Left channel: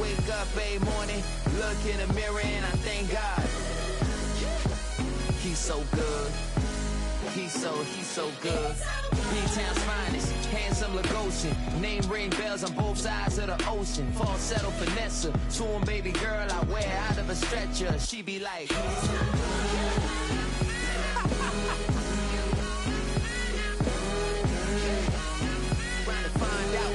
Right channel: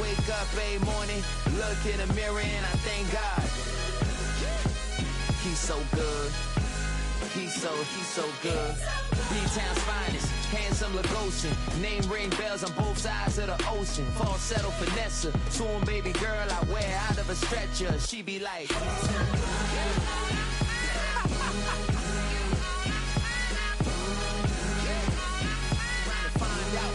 wake up every morning, look in the mirror and I thank God. He's so good. He's so good. B-Town's finest, handsome Lagosian. Name ring bells on both sides of the ocean. Falsetto finesse, swoon baby girl I wear out of a stretcher. She be like, trying to find out.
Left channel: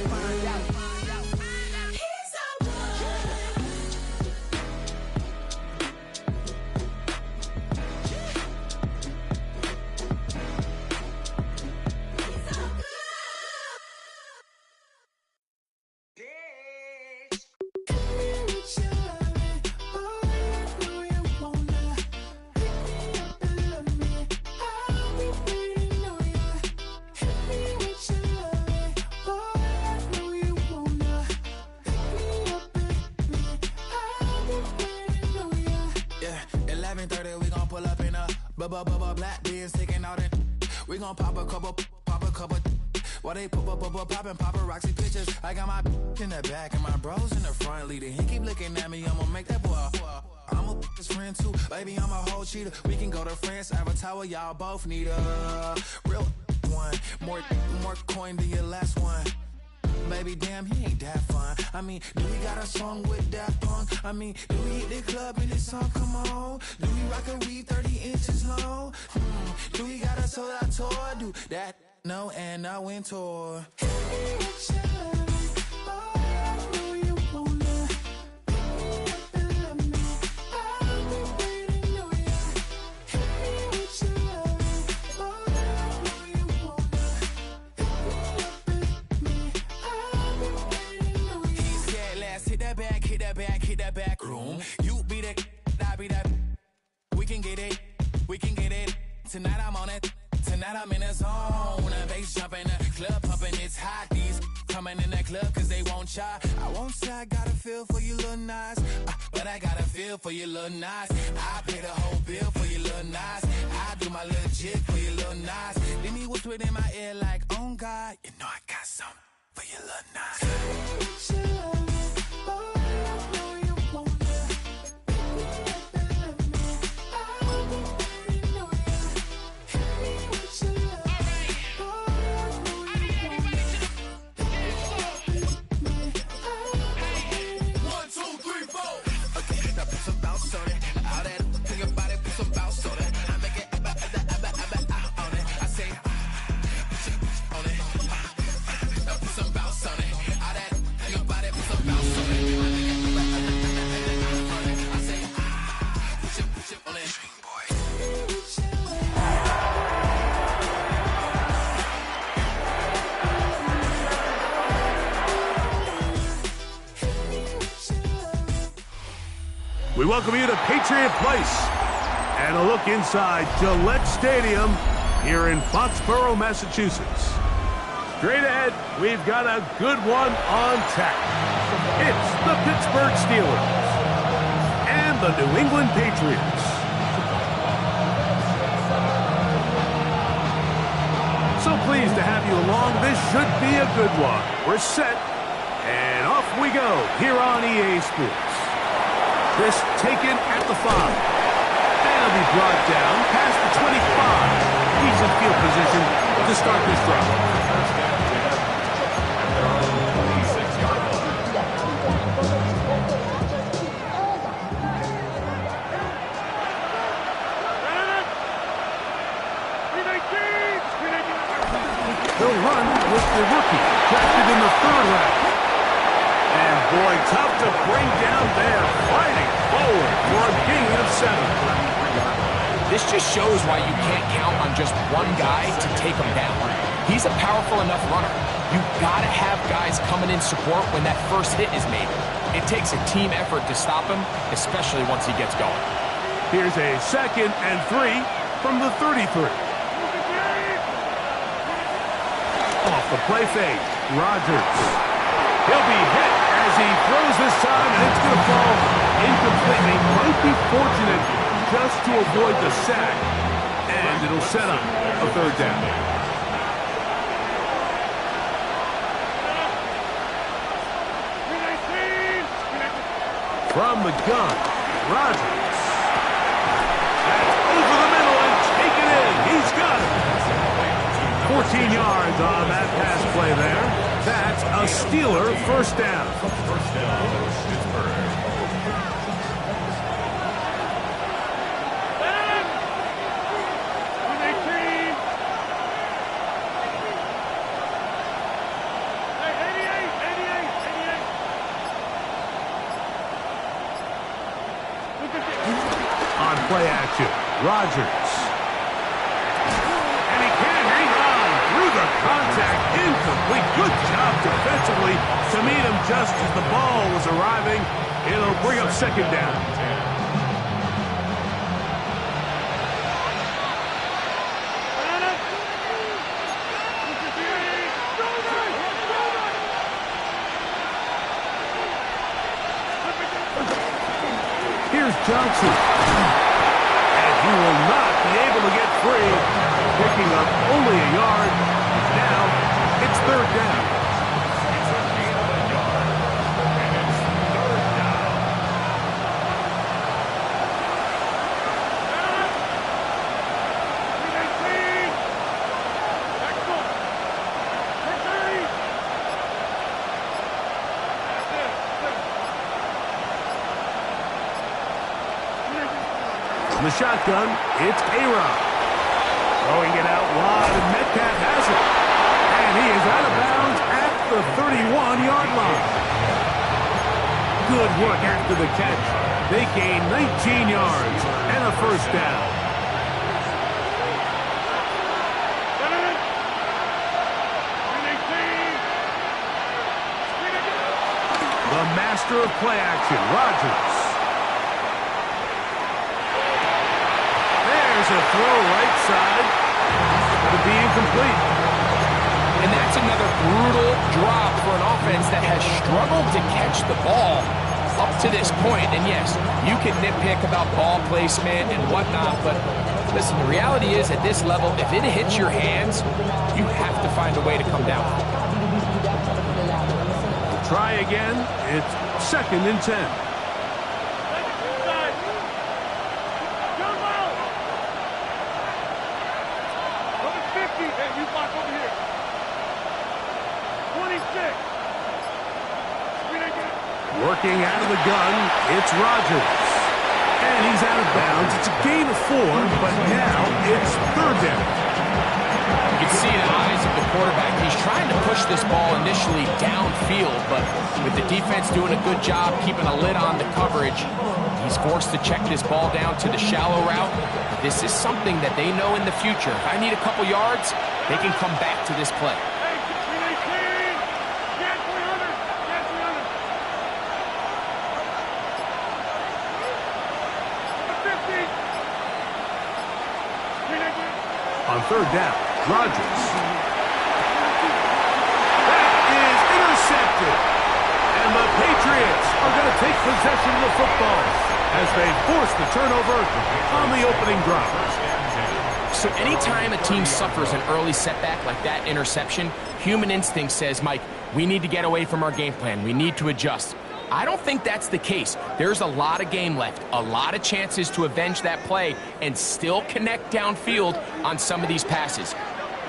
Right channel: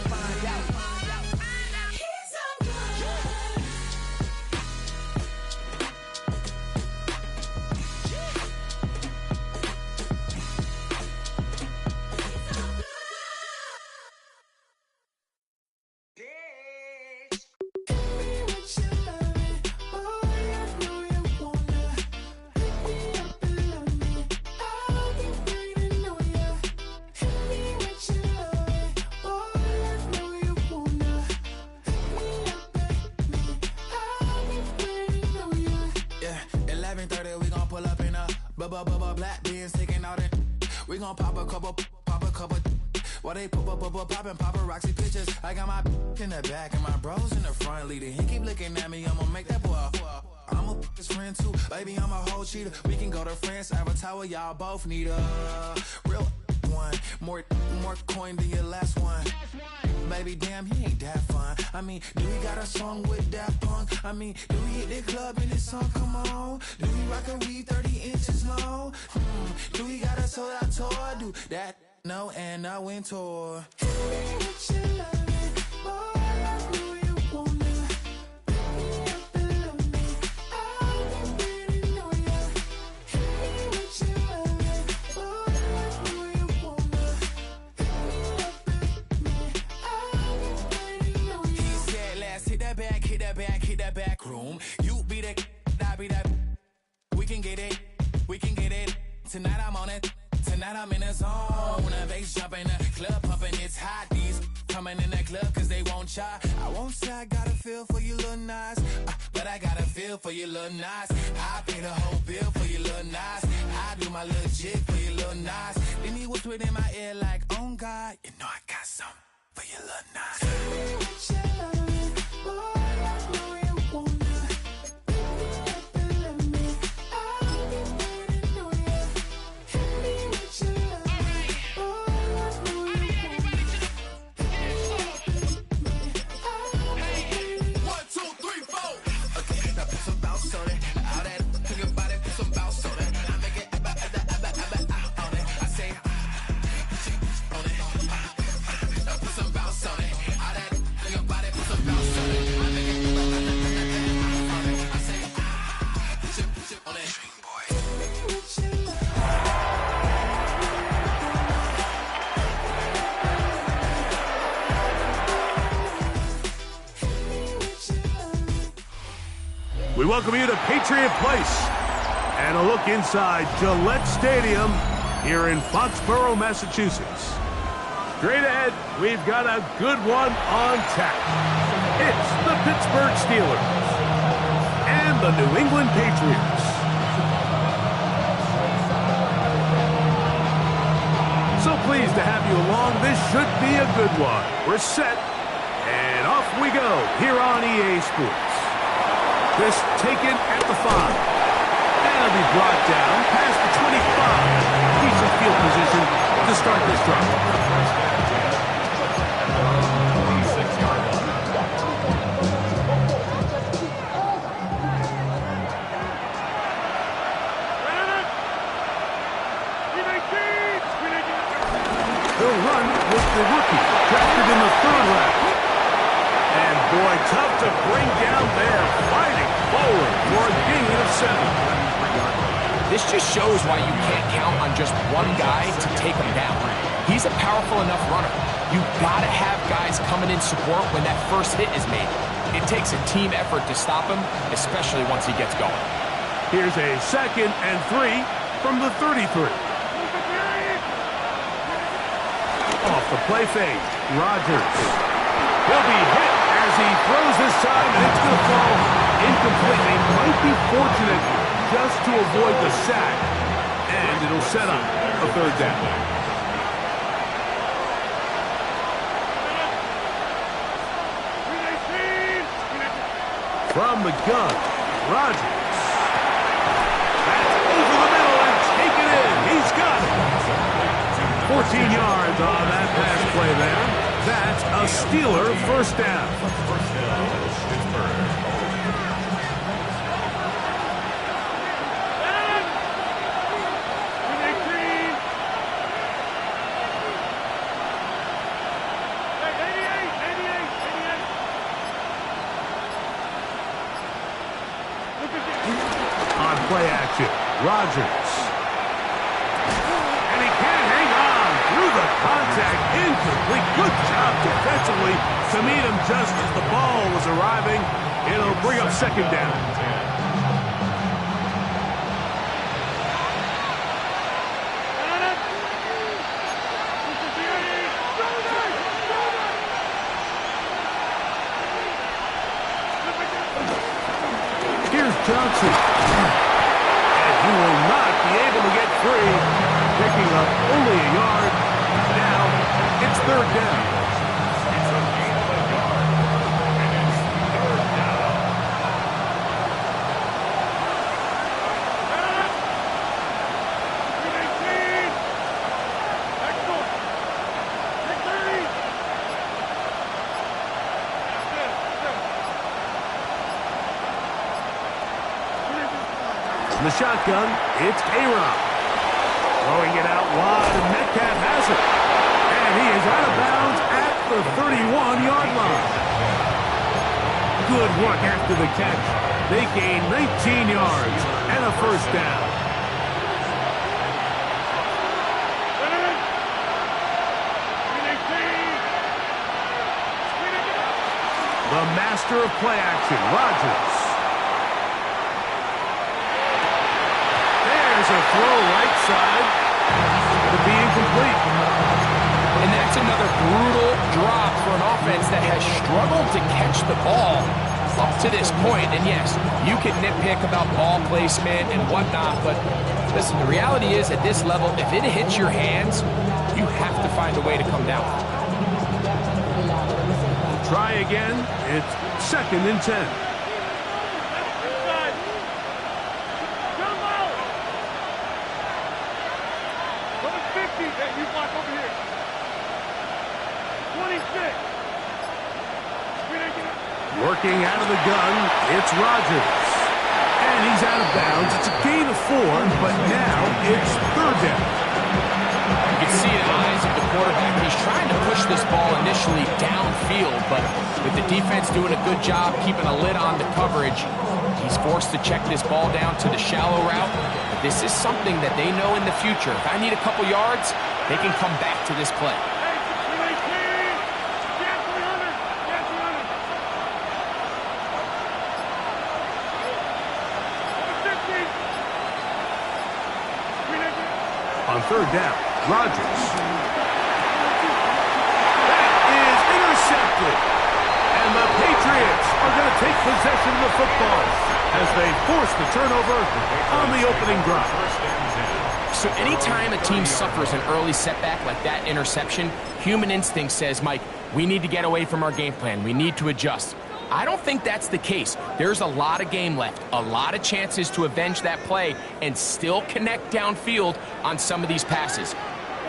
Black beans taking out it. We gon' pop a couple. While they poppin' paparazzi pictures. I got my in the back and my bros in the front leading. He keep looking at me, I'ma make that boy. I'm a his friend too, baby, I'm a whole cheater. We can go to France, Avatar, y'all both need a real one. More coin than your last one. Baby, damn, he ain't that fun. I mean, do we got a song with that punk? I mean, do we hit the club in this song? Come on. Do we rock a weave 30 inches long? Do we got a sold out tour? Do that? No, and I went tour. Hit that back room. You be the, I be that. We can get it. Tonight I'm on it. Tonight I'm in a zone. A bass jumping, a club pumping. It's hot. These coming in the club cause they won't try. I won't say I got a feel for you little nice, but I got a feel for you little nice. I pay the whole bill for you little nice. I do my little jig for you little nice. Then he whisper in my ear like, oh God, you know I got something for you little nice. We welcome you to Patriot Place and a look inside Gillette Stadium here in Foxborough, Massachusetts. Straight ahead, we've got a good one on tap. It's the Pittsburgh Steelers and the New England Patriots. So pleased to have you along. This should be a good one. We're set, and off we go here on EA Sports. This taken at the 5. And it'll be brought down past the 25. Decent field position to start this drive. They'll run with the rookie, drafted in the 3rd round. And boy, tough to bring down there, fighting forward for a gain of 7. This just shows why you can't count on just one guy to take him down. He's a powerful enough runner. You gotta have guys coming in support when that first hit is made. It takes a team effort to stop him, especially once he gets going. Here's a 2nd and 3 from the 33. Off the play fake, Rodgers. He'll be hit as he throws this time, and it's going to fall incomplete. They might be fortunate just to avoid the sack, and it'll set up a 3rd down. From the gun, Rodgers. That's over the middle and taken in. He's got it. 14 yards on that pass play there. That's a Steeler first down. First down, Pittsburgh. On play action, Rodgers. And he can't hang on through the contact. Incomplete. Good job defensively to meet him just as the ball was arriving. It'll bring up second down. Here's Johnson. And he will not be able to get free. Picking up only a yard. Now, it's third down. It's a gain of a yard. And it's third down. The shotgun, it's A-Rob. Throwing it out wide, and Metcalf has it. And he is out of bounds at the 31-yard line. Good work after the catch. They gain 19 yards and a first down. The master of play action, Rodgers. There's a throw right side. Going to be incomplete. And that's another brutal drop for an offense that has struggled to catch the ball up to this point. And yes, you can nitpick about ball placement and whatnot, but listen, the reality is at this level, if it hits your hands, you have to find a way to come down. Try again. It's second and 10. You block over here. 26. Working out of the gun, it's Rodgers. And he's out of bounds. It's a gain of 4, but now it's third down. You can see the eyes of the quarterback. He's trying to push this ball initially downfield, but with the defense doing a good job keeping a lid on the coverage, he's forced to check this ball down to the shallow route. But this is something that they know in the future. If I need a couple yards, they can come back to this play. On third down, Rodgers. That is intercepted. And the Patriots are going to take possession of the football as they force the turnover on the opening drive. So anytime a team suffers an early setback like that interception, human instinct says, Mike, we need to get away from our game plan. We need to adjust. I don't think that's the case. There's a lot of game left, a lot of chances to avenge that play and still connect downfield on some of these passes.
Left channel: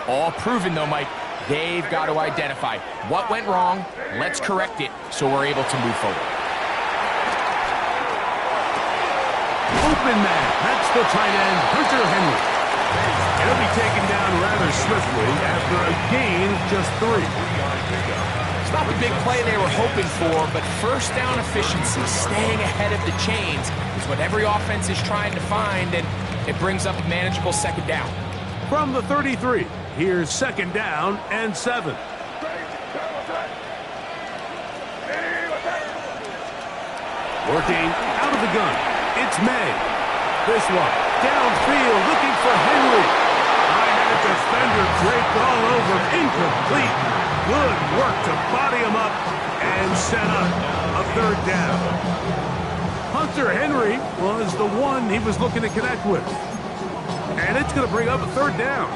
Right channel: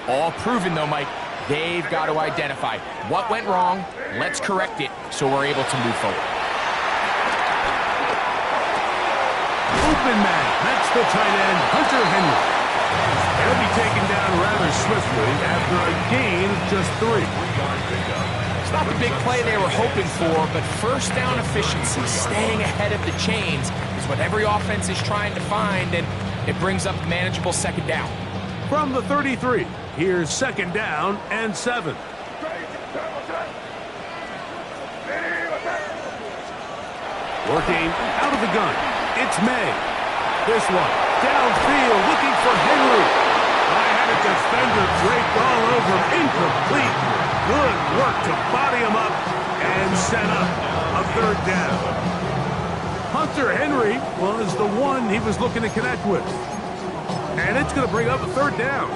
All proven, though, Mike, they've got to identify what went wrong, let's correct it so we're able to move forward. Open man, that's the tight end, Hunter Henry. He'll be taken down rather swiftly after a gain of just 3. It's not the big play they were hoping for, but first down efficiency, staying ahead of the chains, is what every offense is trying to find, and it brings up a manageable second down. From the 33, here's second down and 7. Working out of the gun, it's May. This one, downfield, looking for Henry. I had a defender draped all over, incomplete. Good work to body him up and set up a third down. Hunter Henry was the one he was looking to connect with. And it's going to bring up a third down.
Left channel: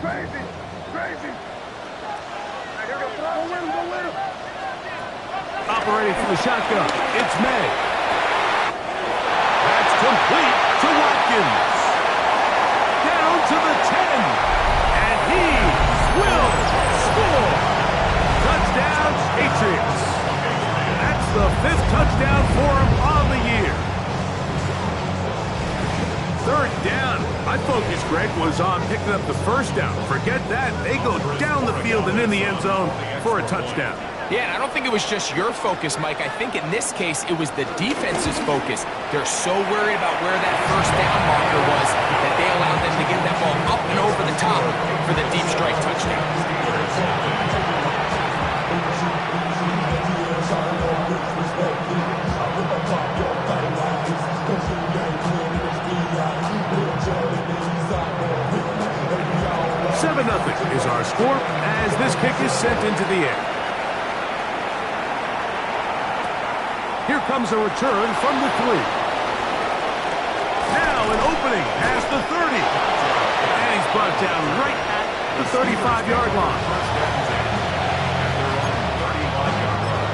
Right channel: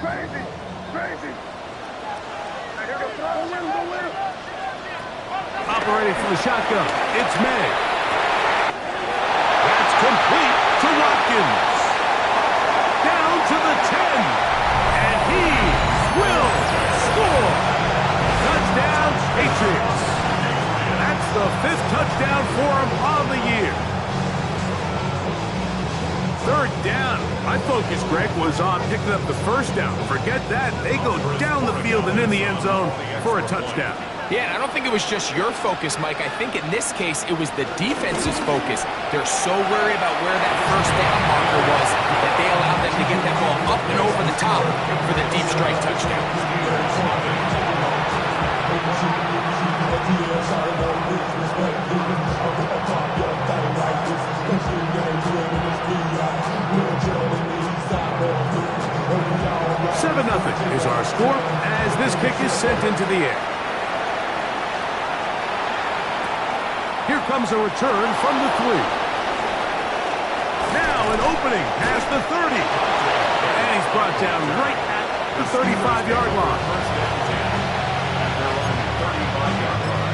Crazy. Go with him. Operating from the shotgun, it's May. That's complete to Watkins. Down to the 10. And he will score. Touchdown, Patriots. That's the 5th touchdown for him on the year. 3rd down. My focus, Greg, was on picking up the 1st down. Forget that. They go down the field and in the end zone for a touchdown. Yeah, and I don't think it was just your focus, Mike. I think in this case, it was the defense's focus. They're so worried about where that 1st down marker was that they allowed them to get that ball up and over the top for the deep strike touchdown. Seven 0 is our score as this kick is sent into the air. Here comes a return from the 3. Now an opening past the 30. And he's brought down right at the 35-yard line. At their own 35-yard line.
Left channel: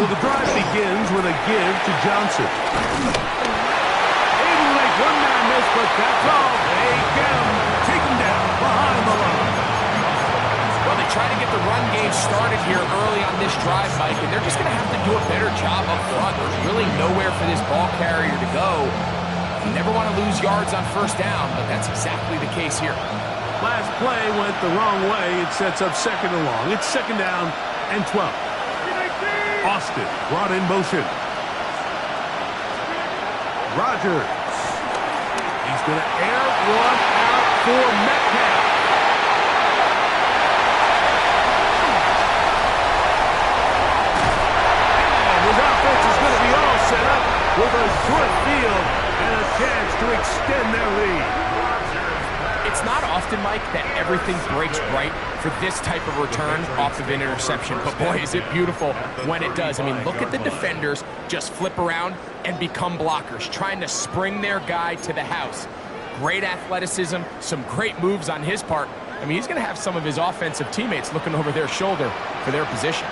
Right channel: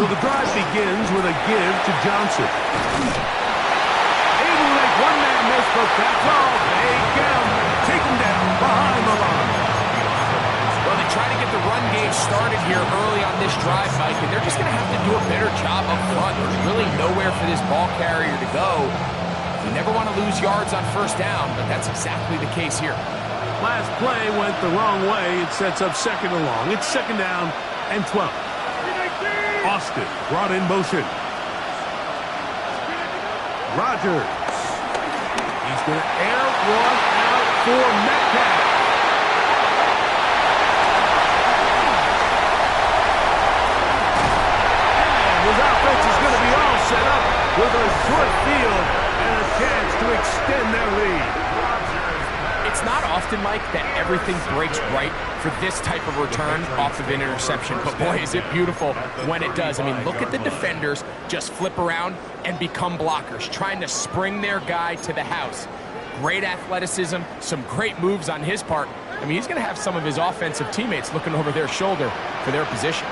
So the drive begins with a give to Johnson. Able to make one man miss, but that's all. They get him, take him down behind the line. Well, they try to get the run game started here early on this drive, Mike, and they're just going to have to do a better job up front. There's really nowhere for this ball carrier to go. You never want to lose yards on 1st down, but that's exactly the case here. Last play went the wrong way. It sets up 2nd and long. It's 2nd down and 12. Austin brought in motion. Rodgers. He's going to air one out for Metcalf. And his offense is going to be all set up with a short field and a chance to extend their lead. It's not often, Mike, that everything breaks right for this type of return off of an interception. But boy, is it beautiful when it does. I mean, look at the defenders just flip around and become blockers, trying to spring their guy to the house. Great athleticism, some great moves on his part. I mean, he's going to have some of his offensive teammates looking over their shoulder for their position.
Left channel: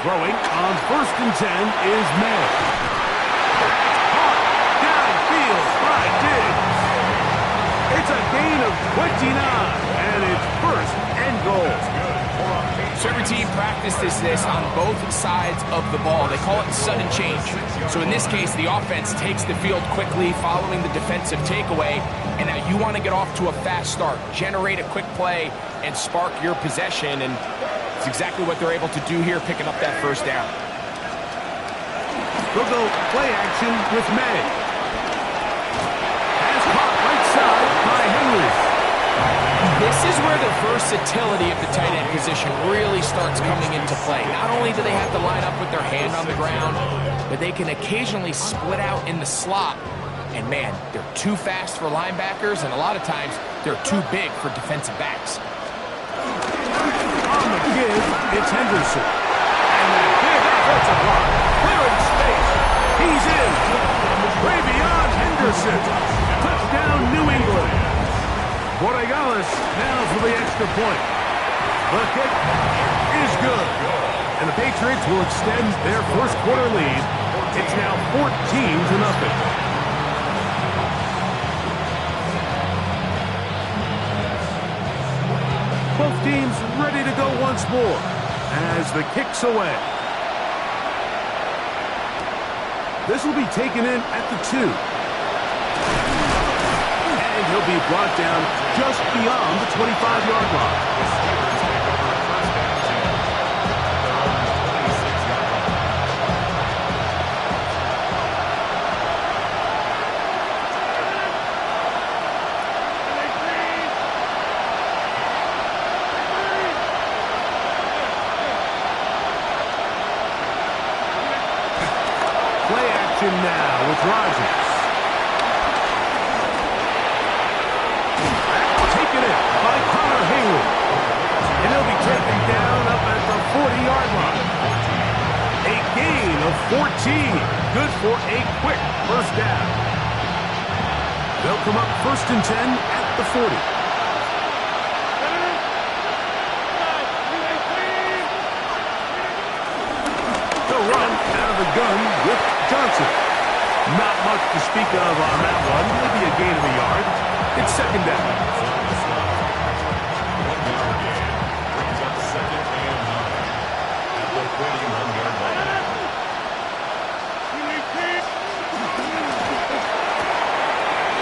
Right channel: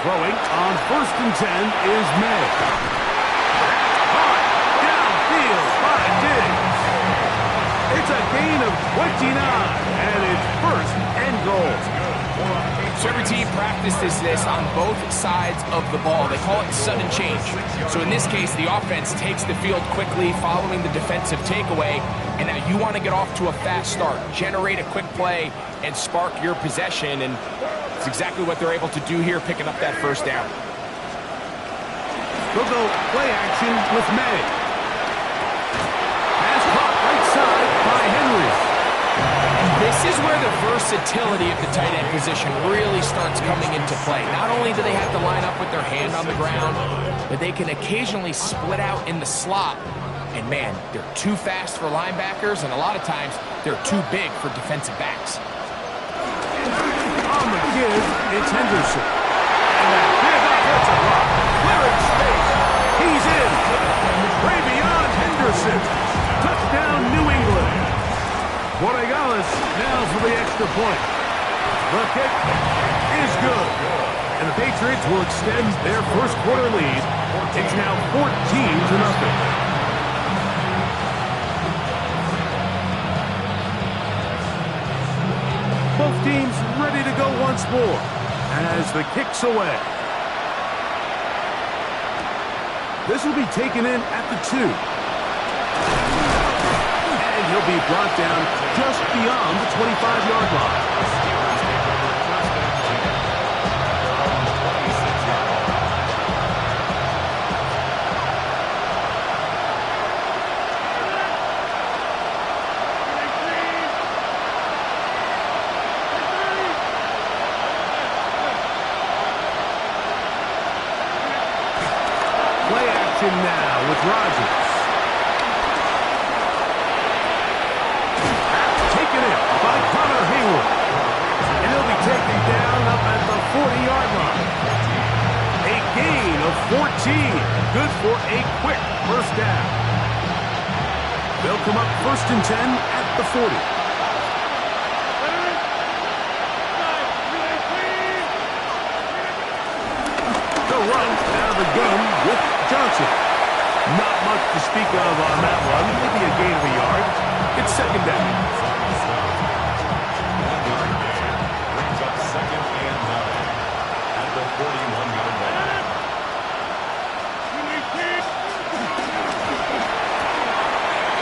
Throwing on 1st and 10 is May. It's a gain of 29, and it's 1st and goal. So every team practices this on both sides of the ball. They call it sudden change. So in this case, the offense takes the field quickly following the defensive takeaway, and now you want to get off to a fast start, generate a quick play, and spark your possession, and it's exactly what they're able to do here, picking up that 1st down. They'll go play action with May. Right side by Henry. And this is where the versatility of the tight end position really starts coming into play. Not only do they have to line up with their hand on the ground, but they can occasionally split out in the slot. And man, they're too fast for linebackers, and a lot of times they're too big for defensive backs. On the give, it's Henderson. And that big offensive block, clearing space. He's in. Way beyond Henderson. Touchdown, New England. Borregales now for the extra point. The kick is good. And the Patriots will extend their 1st quarter lead. It's now 14-0. Both teams ready to go once more as the kick's away. This will be taken in at the 2. And he'll be brought down just beyond the 25-yard line. The Steelers take over 1st and 10 at their own 26-yard line. Play action now with Rodgers. 40-yard line. A gain of 14. Good for a quick first down. They'll come up 1st and 10 at the 40. They'll run out of the gun with Johnson. Not much to speak of on that one. Maybe a gain of a yard. It's 2nd down. 1-yard gain brings up 2nd and 9 at the 41-yard line.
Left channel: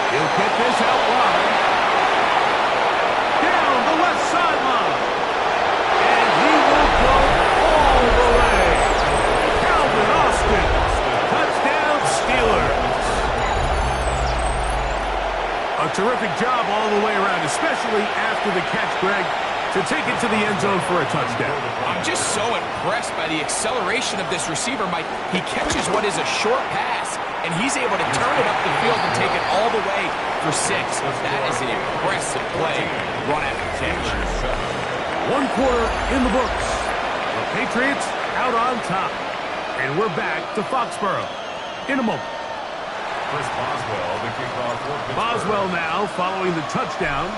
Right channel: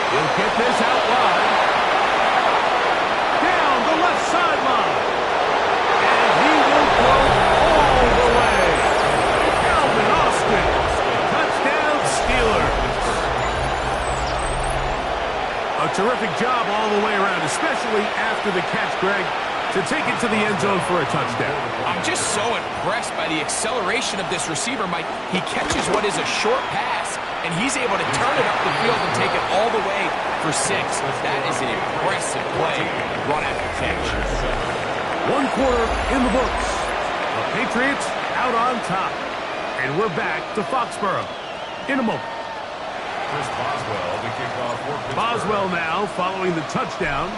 He'll get this out wide. Down the left sideline. And he will go all the way. Calvin Austin. Touchdown Steelers. A terrific job all the way around, especially after the catch, Greg, to take it to the end zone for a touchdown. I'm just so impressed by the acceleration of this receiver, Mike. He catches what is a short pass, and he's able to turn it up the field and take it all the way for 6. That is an impressive play, run after catch. 1 quarter in the books. The Patriots out on top. And we're back to Foxborough in a moment. Chris Boswell, the kickoff for Pittsburgh. Boswell now following the touchdown.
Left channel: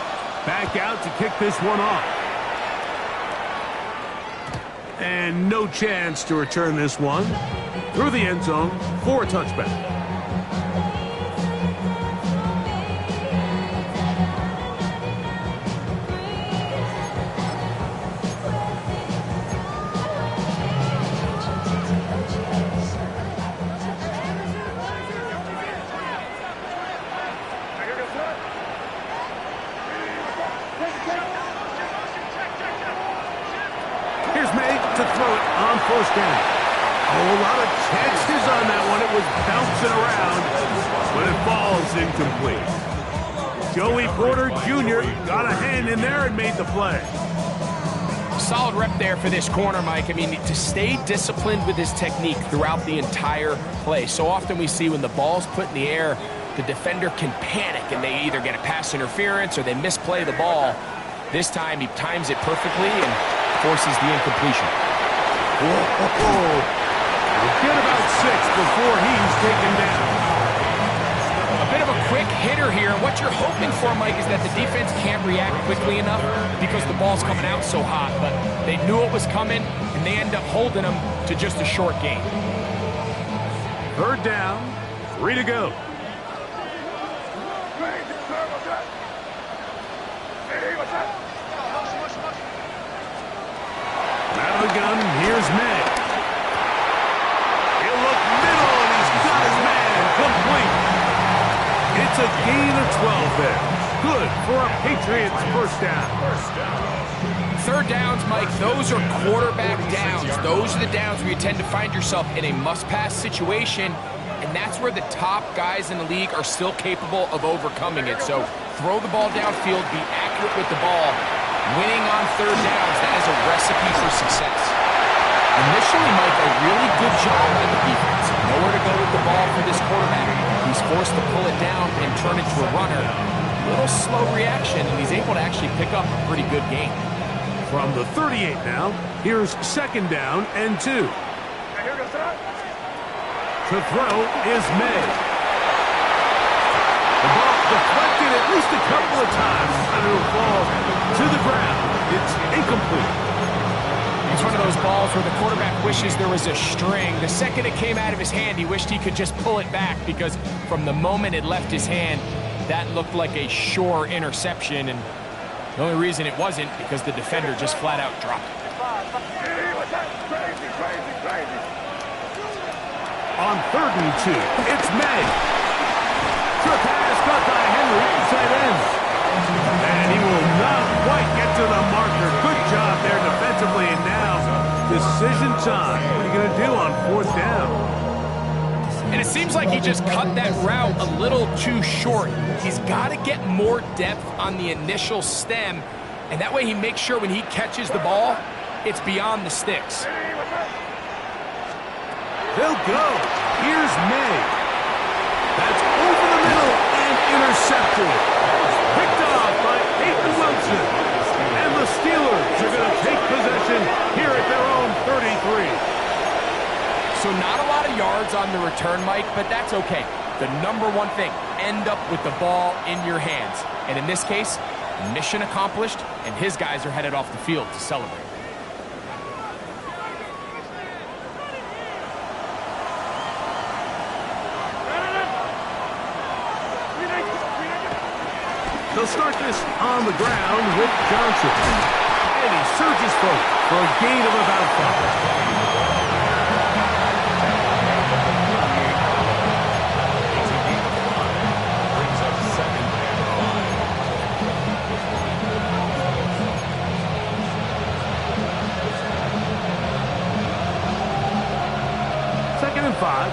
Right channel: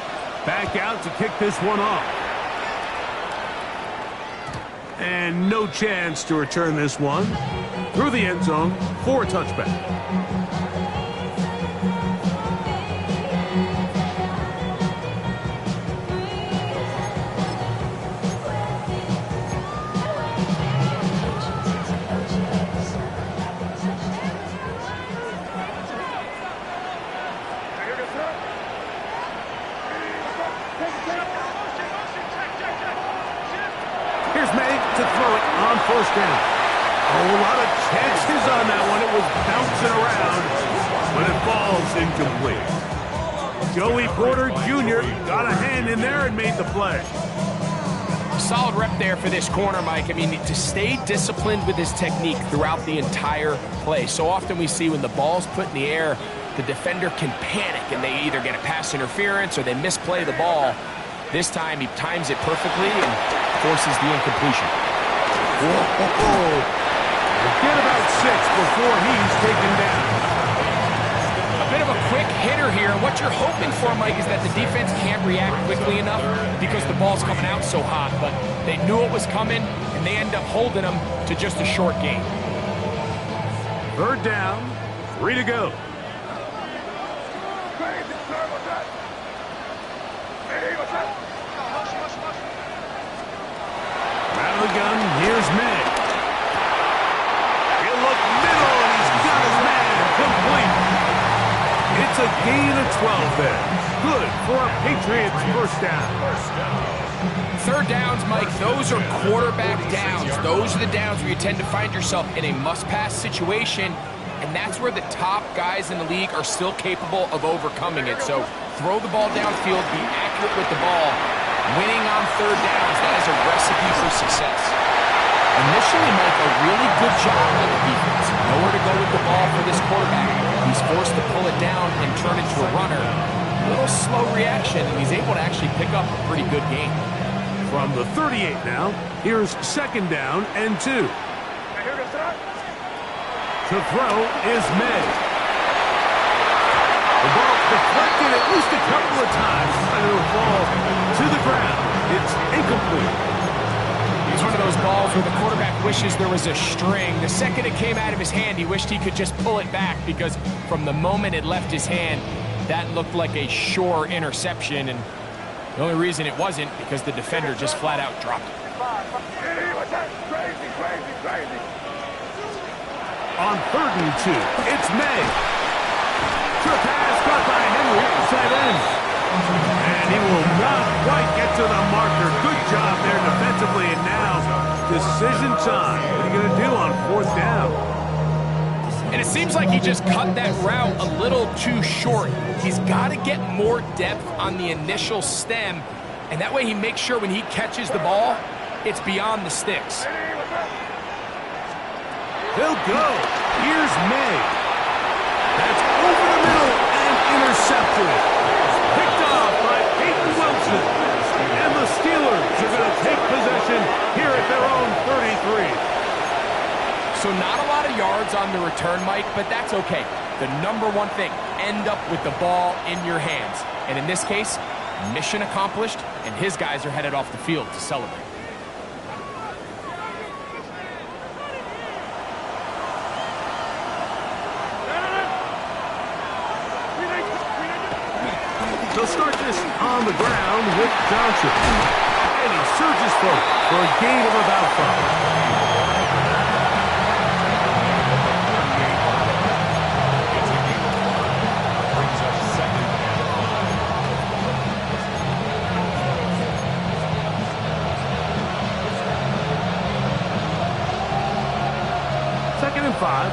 Back out to kick this one off. And no chance to return this one through the end zone for a touchback. Here's May to throw it on 1st down. Oh, a lot of chances on that one. It was bouncing around, but it falls incomplete. Joey Porter Jr. got a hand in there and made the play. Solid rep there for this corner, Mike. I mean, to stay disciplined with his technique throughout the entire play. So often we see when the ball's put in the air, the defender can panic and they either get a pass interference or they misplay the ball. This time he times it perfectly and forces the incompletion. Whoa. Get about 6 before he's taken down. A bit of a quick hitter here, and what you're hoping for, Mike, is that the defense can't react quickly enough because the ball's coming out so hot, but they knew it was coming, and they end up holding them to just a short gain. 3rd down, 3 to go. Out of the gun, here's May. He'll look middle, and he's got his man complete. It's a gain of 12 there. Good for a Patriots 1st down. 3rd downs, Mike, those are quarterback downs. Those are the downs where you tend to find yourself in a must-pass situation, and that's where the top guys in the league are still capable of overcoming it. So throw the ball downfield, be accurate with the ball. Winning on 3rd downs, that is a recipe for success. Initially, Mike, a really good job by the defense. Nowhere to go with the ball for this quarterback. He's forced to pull it down and turn it to a runner. A little slow reaction, and he's able to actually pick up a pretty good game. From the 38 now, here's 2nd down and 2. To throw is May. The ball deflected at least a couple of times, and it'll fall to the ground. It's incomplete. It's one of those balls where the quarterback wishes there was a string. The second it came out of his hand, he wished he could just pull it back because from the moment it left his hand, that looked like a sure interception, and the only reason it wasn't because the defender just flat out dropped it. On 3rd and 2, it's May. Short pass caught by Henry, tight end. And he will not quite get to the marker. Good job there defensively, and now decision time. What are you going to do on 4th down? And it seems like he just cut that route a little too short. He's got to get more depth on the initial stem, and that way he makes sure when he catches the ball, it's beyond the sticks. They'll go. Here's May. That's over the middle and intercepted. Picked off by Peyton Wilson. And the Steelers Cards are going to take possession here at their own 33. So not a lot of yards on the return, Mike, but that's okay. The number one thing, end up with the ball in your hands. And in this case, mission accomplished, and his guys are headed off the field to celebrate. They'll start this on the ground with Johnson. And he surges forward for a gain of about 5. Second and 5.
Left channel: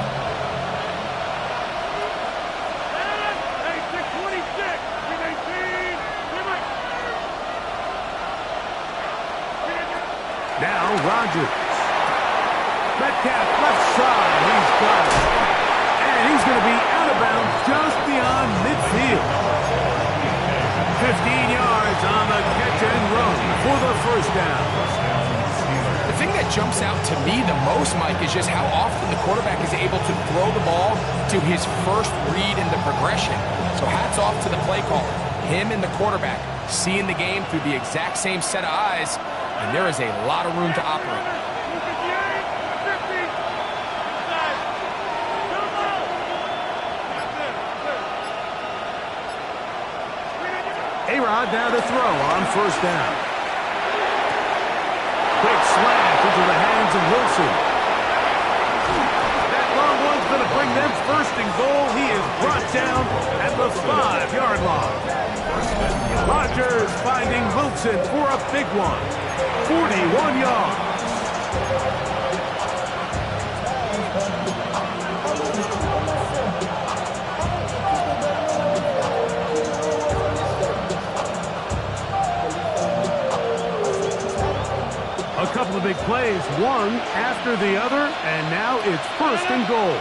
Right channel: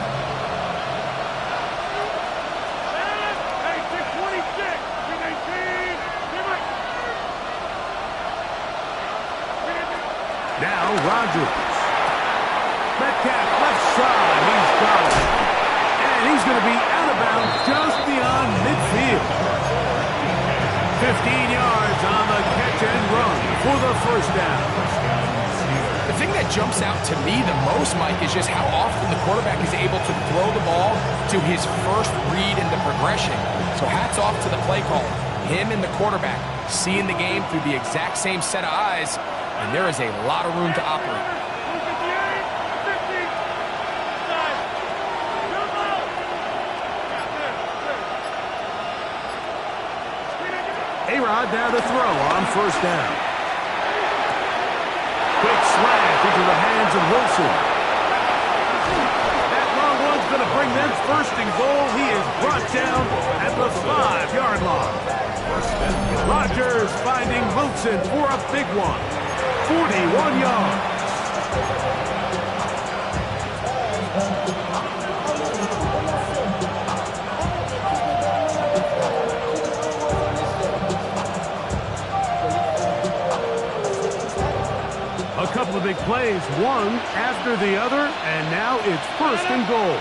Now Rodgers. Metcalf left side. He's got it. And he's going to be out of bounds just beyond midfield. 15 yards on the catch and run for the first down. The thing that jumps out to me the most, Mike, is just how often the quarterback is able to throw the ball to his first read in the progression. So hats off to the play caller. Him and the quarterback seeing the game through the exact same set of eyes, and there is a lot of room to operate. A-Rod now to throw on first down. Quick slant into the hands of Wilson. That long one's going to bring them first and goal. He is brought down at the 5-yard line. Rodgers finding Wilson for a big one. 41 yards. A couple of big plays, one after the other, and now it's first and goal.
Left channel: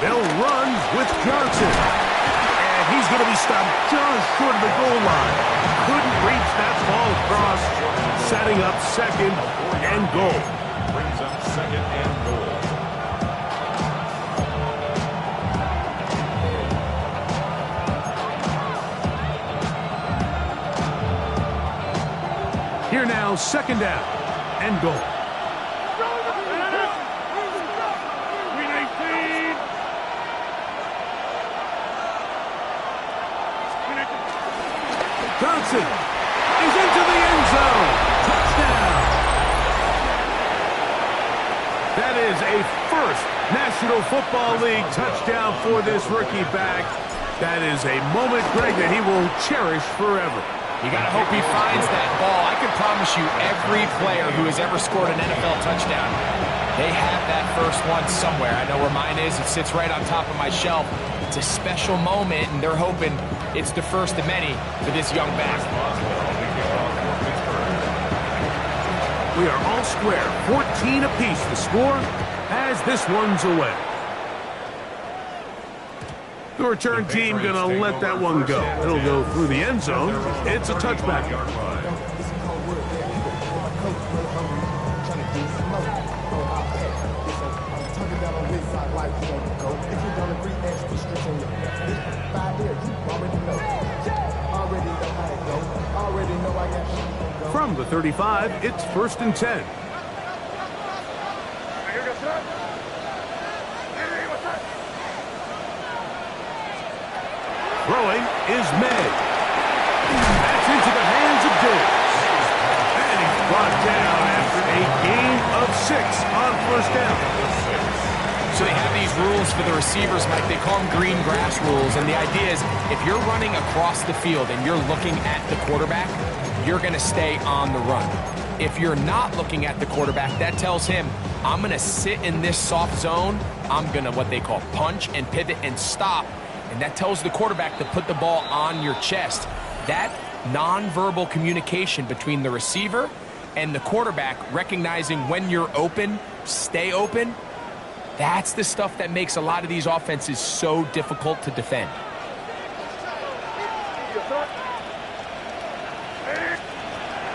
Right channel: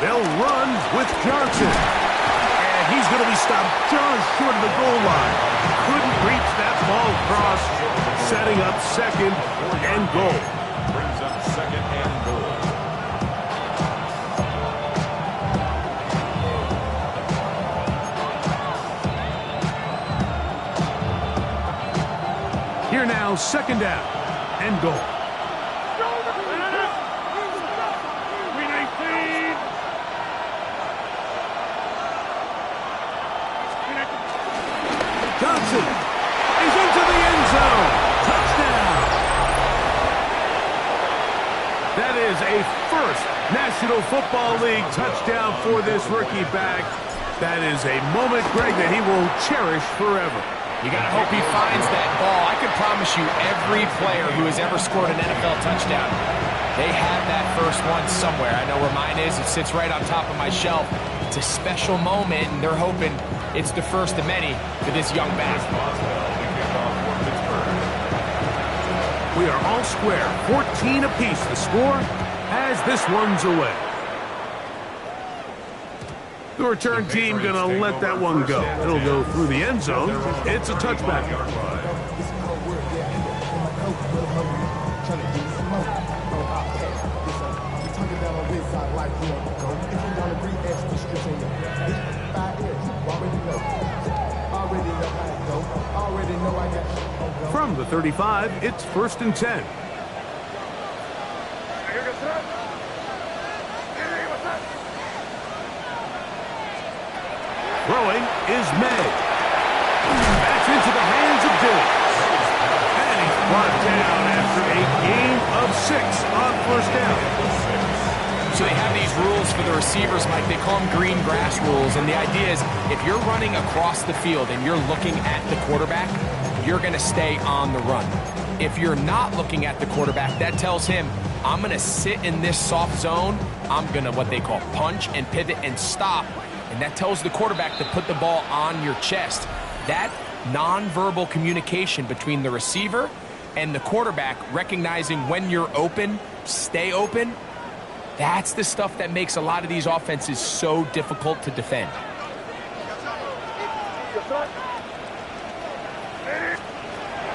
They'll run with Johnson. And he's going to be stopped just short of the goal line. Couldn't reach that ball across, setting up second and goal. Brings up second and goal. Here now, second down and goal. Johnson is into the end zone. Touchdown. That is a first National Football League touchdown for this rookie back. That is a moment, Greg, that he will cherish forever. You got to hope he finds that ball. I can promise you every player who has ever scored an NFL touchdown, they have that first one somewhere. I know where mine is. It sits right on top of my shelf. It's a special moment, and they're hoping it's the first of many for this young back. We are all square. 14 apiece the score as this one's away. The return team going to let that one go. It'll go through the end zone. It's a touchback. From the 35, it's first and 10. Throwing is May. That's into the hands of Diggs. And he's brought down after a gain of 6 on first down. So they have these rules for the receivers, Mike. They call them green grass rules. And the idea is if you're running across the field and you're looking at the quarterback, you're going to stay on the run. If you're not looking at the quarterback, that tells him, I'm going to sit in this soft zone. I'm going to what they call punch and pivot and stop. And that tells the quarterback to put the ball on your chest. That nonverbal communication between the receiver and the quarterback, recognizing when you're open, stay open, that's the stuff that makes a lot of these offenses so difficult to defend.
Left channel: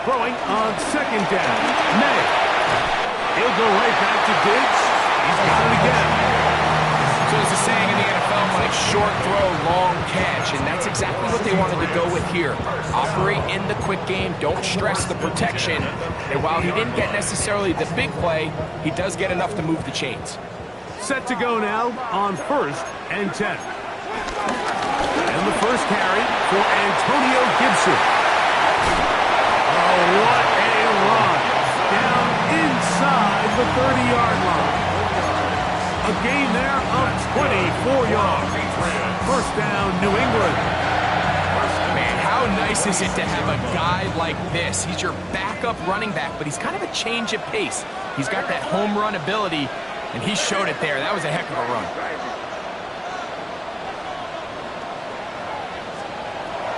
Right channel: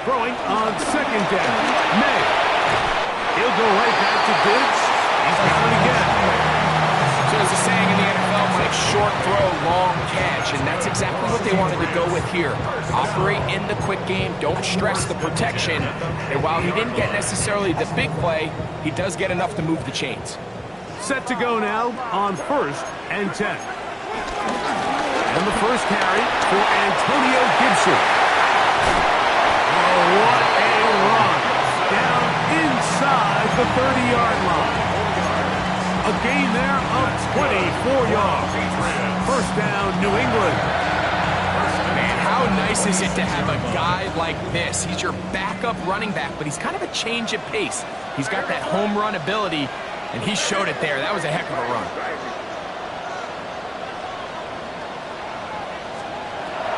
Throwing on second down. May. He'll go right back to Diggs. He's got it again. So there's a saying in the NFL, Mike, short throw, long catch, and that's exactly what they wanted to go with here. Operate in the quick game, don't stress the protection, and while he didn't get necessarily the big play, he does get enough to move the chains. Set to go now on 1st and 10. And the first carry for Antonio Gibson. Oh, what a run. Down inside the 30-yard line. A gain there of 24 yards. First down, New England. Man, how nice is it to have a guy like this? He's your backup running back, but he's kind of a change of pace. He's got that home run ability, and he showed it there. That was a heck of a run.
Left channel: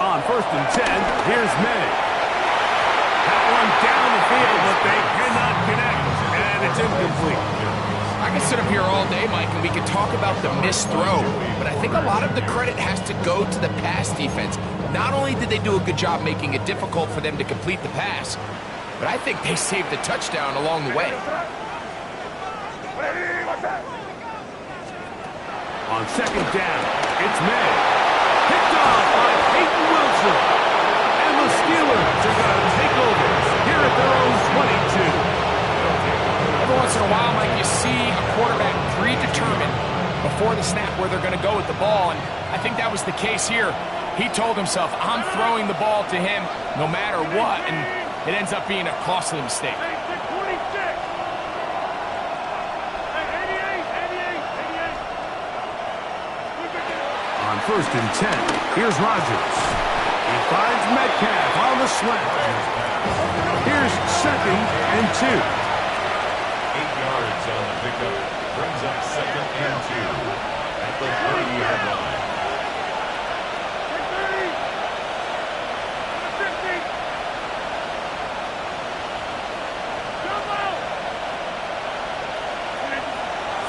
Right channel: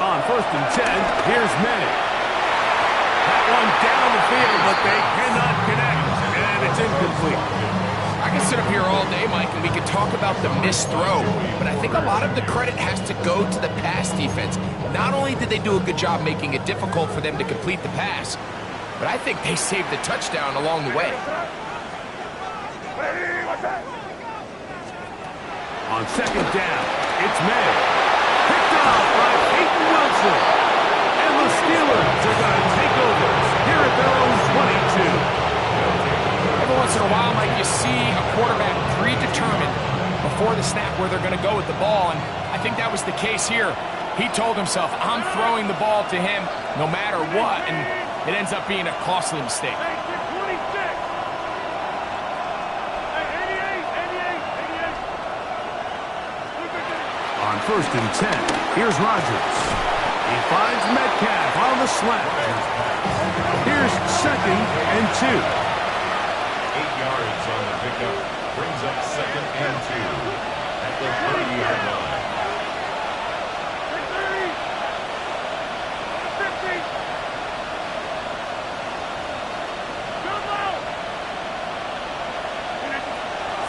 On 1st and 10, here's May. That one down the field, but they cannot connect, and it's incomplete. I can sit up here all day, Mike, and we can talk about the missed throw, but I think a lot of the credit has to go to the pass defense. Not only did they do a good job making it difficult for them to complete the pass, but I think they saved the touchdown along the way. On second down, it's May. Picked off by Peyton Wilson. And the Steelers are going to take over here at their own 22. Every once in a while, Mike, you see a quarterback predetermined before the snap where they're going to go with the ball, and I think that was the case here. He told himself, I'm throwing the ball to him no matter what, and it ends up being a costly mistake. On 1st and 10, here's Rodgers. He finds Metcalf on the slant. Here's 2nd and 2. 8 yards on the pickup. Brings up 2nd and 2 at the 30-yard line.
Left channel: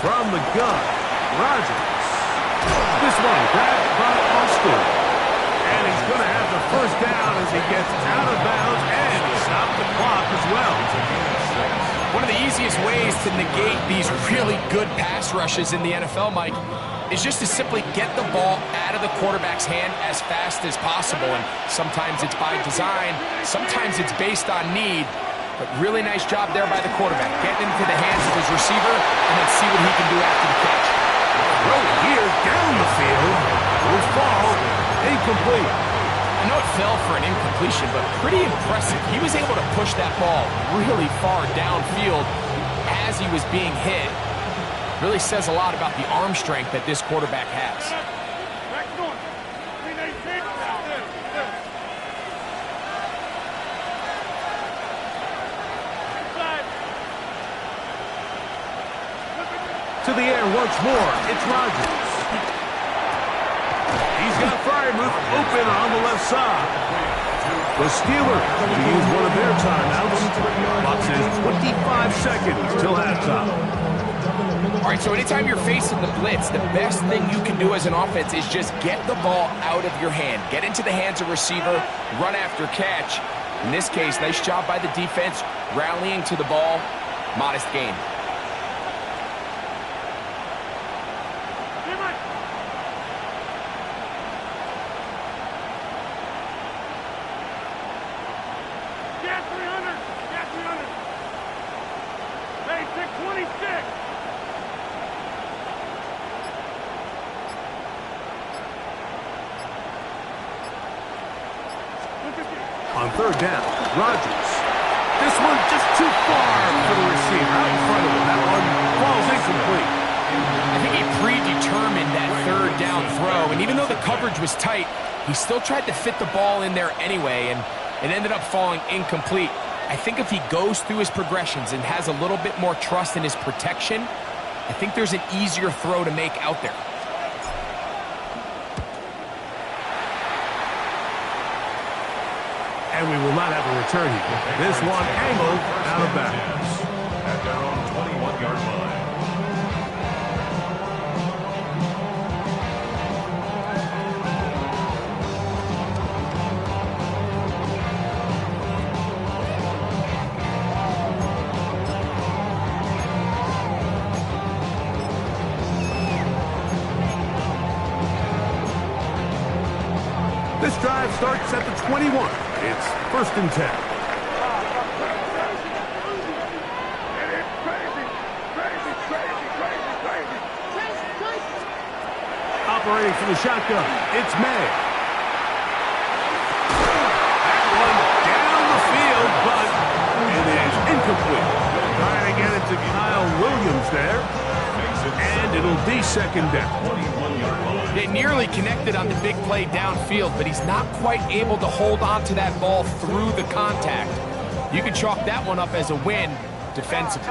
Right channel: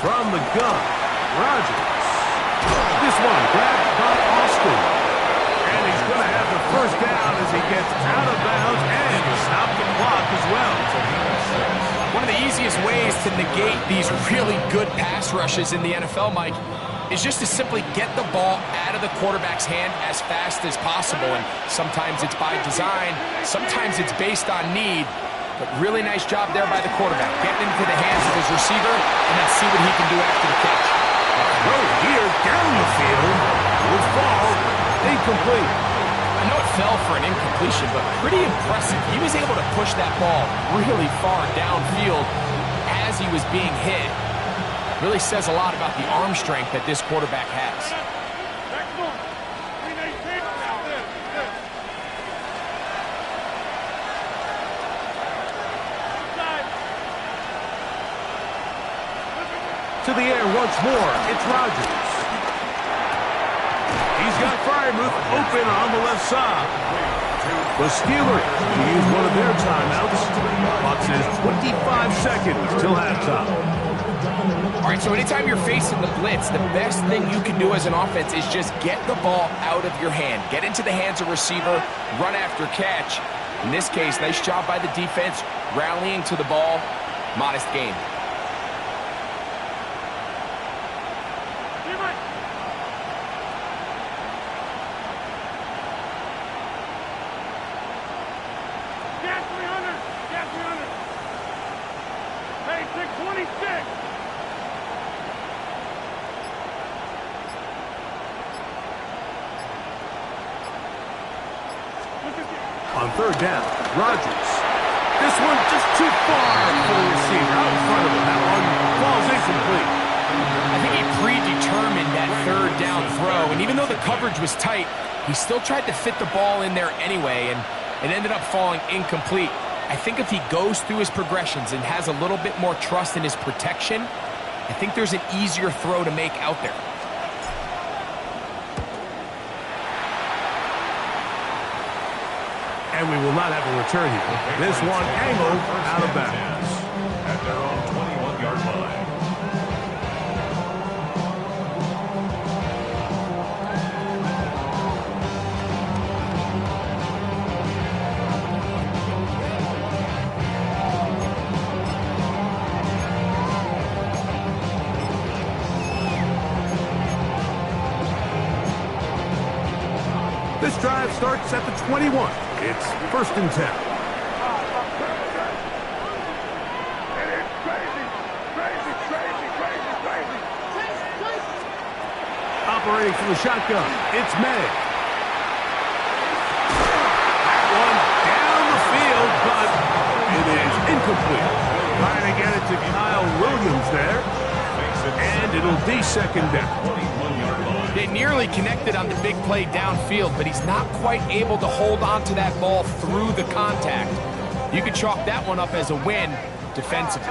From the gun, Rodgers. This one grabbed by Austin. And he's going to have the first down as he gets out of bounds, and he stopped the clock as well. One of the easiest ways to negate these really good pass rushes in the NFL, Mike, is just to simply get the ball out of the quarterback's hand as fast as possible. And sometimes it's by design, sometimes it's based on need. But really nice job there by the quarterback, getting into the hands of his receiver and then see what he can do after the catch. Throw here down the field will fall incomplete. I know it fell for an incompletion, but pretty impressive. He was able to push that ball really far downfield as he was being hit. Really says a lot about the arm strength that this quarterback has. To the air once more, it's Rodgers. He's got Freiermuth open on the left side. The Steelers to use one of their timeouts. Clock says 25 seconds till halftime. All right, so anytime you're facing the blitz, the best thing you can do as an offense is just get the ball out of your hand. Get into the hands of receiver, run after catch. In this case, nice job by the defense, rallying to the ball. Modest gain. On 3rd down, Rodgers. This one just too far for the receiver. Out in front of him. That one falls incomplete. I think he predetermined that 3rd down throw, and even though the coverage was tight, he still tried to fit the ball in there anyway, and it ended up falling incomplete. I think if he goes through his progressions and has a little bit more trust in his protection, I think there's an easier throw to make out there. And we will not have a return here. This one angled out of bounds. At their own 21-yard line. This drive starts at the 21. It's 1st and 10. Operating from the shotgun, it's May. That one down the field, but it is incomplete. Trying to get it to Kyle Williams there. And it'll be 2nd down. They nearly connected on the big play downfield, but he's not quite able to hold on to that ball through the contact. You can chalk that one up as a win defensively.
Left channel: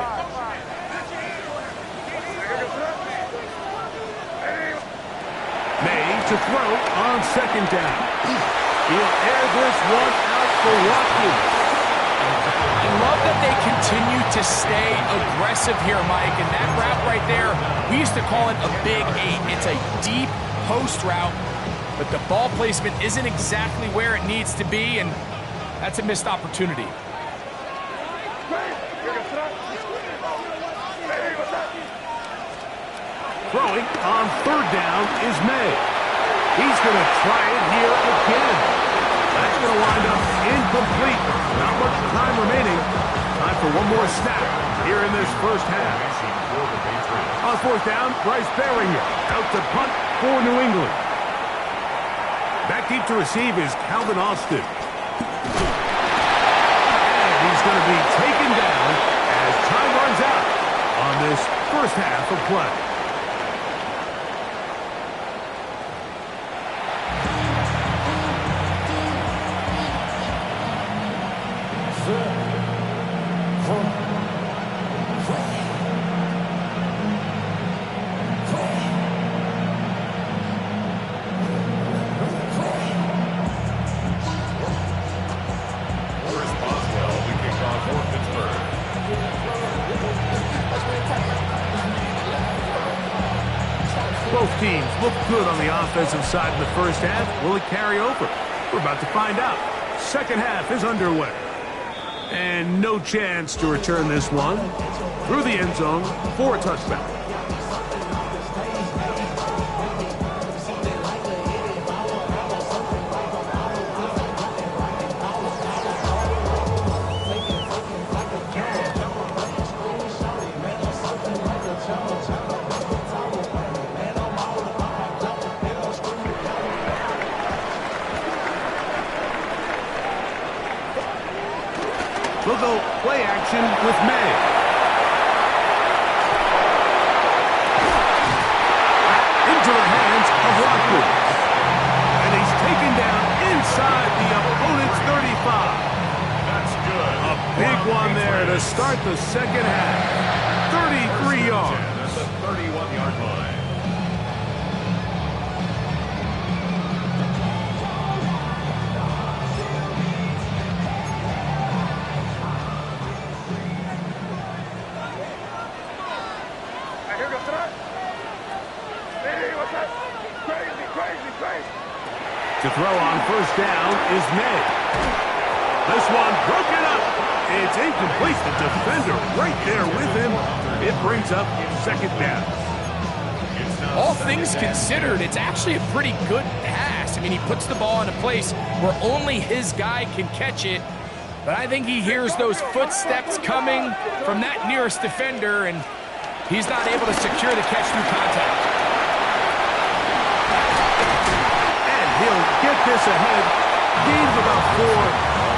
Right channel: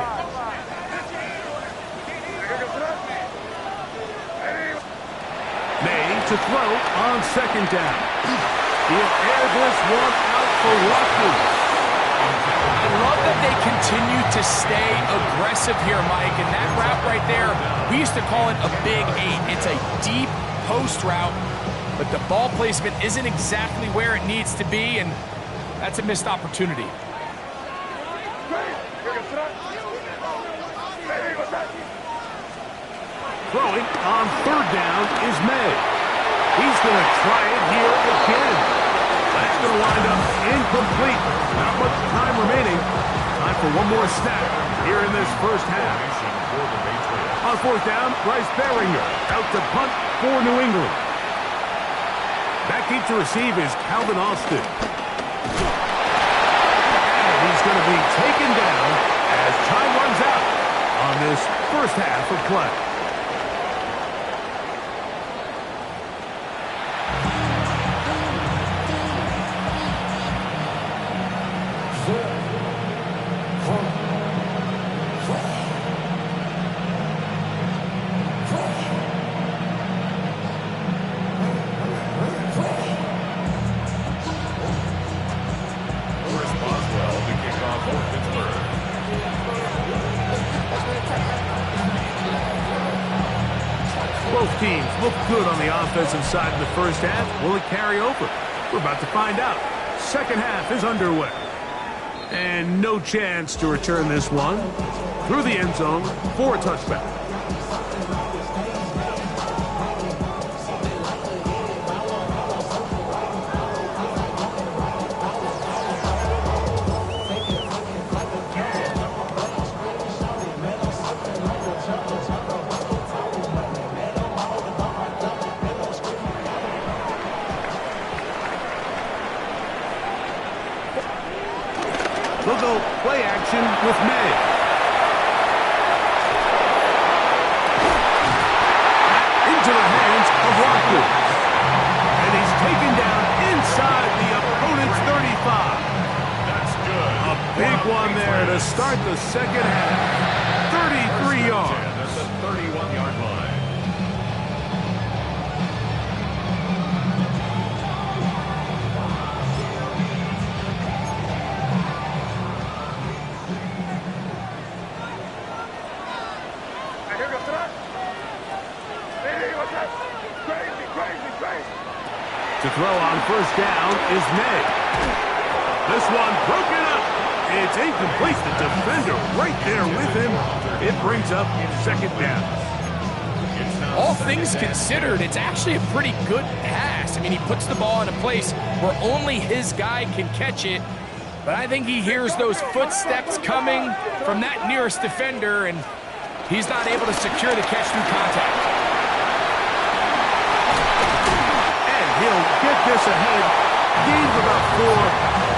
May to throw on 2nd down. He'll air this one out for Watkins. I love that they continue to stay aggressive here, Mike, and that route right there, we used to call it a big 8. It's a deep post route, but the ball placement isn't exactly where it needs to be, and that's a missed opportunity. Throwing on 3rd down is May. He's going to try it here again. That's going to wind up incomplete. Not much time remaining. Time for one more snap here in this first half. On 4th down, Bryce Behringer out to punt for New England. Back deep to receive is Calvin Austin. And he's going to be taken down as time runs out on this first half of play. Both teams look good on the offensive side in the first half. Will it carry over? We're about to find out. Second half is underway. And no chance to return this one through the end zone for a touchback. They'll go play action with May. Into the hands of Watkins. And he's taken down inside the opponent's 35. That's good. A big one there to start the second half. 33 yards. That's the 31-yard line. To throw on 1st down is May. This one broken up. It's incomplete. The defender right there with him. It brings up 2nd down. All things considered, it's actually a pretty good pass. I mean, he puts the ball in a place where only his guy can catch it. But I think he hears those footsteps coming from that nearest defender, and he's not able to secure the catch through contact. He'll get this ahead. Gain of about 4,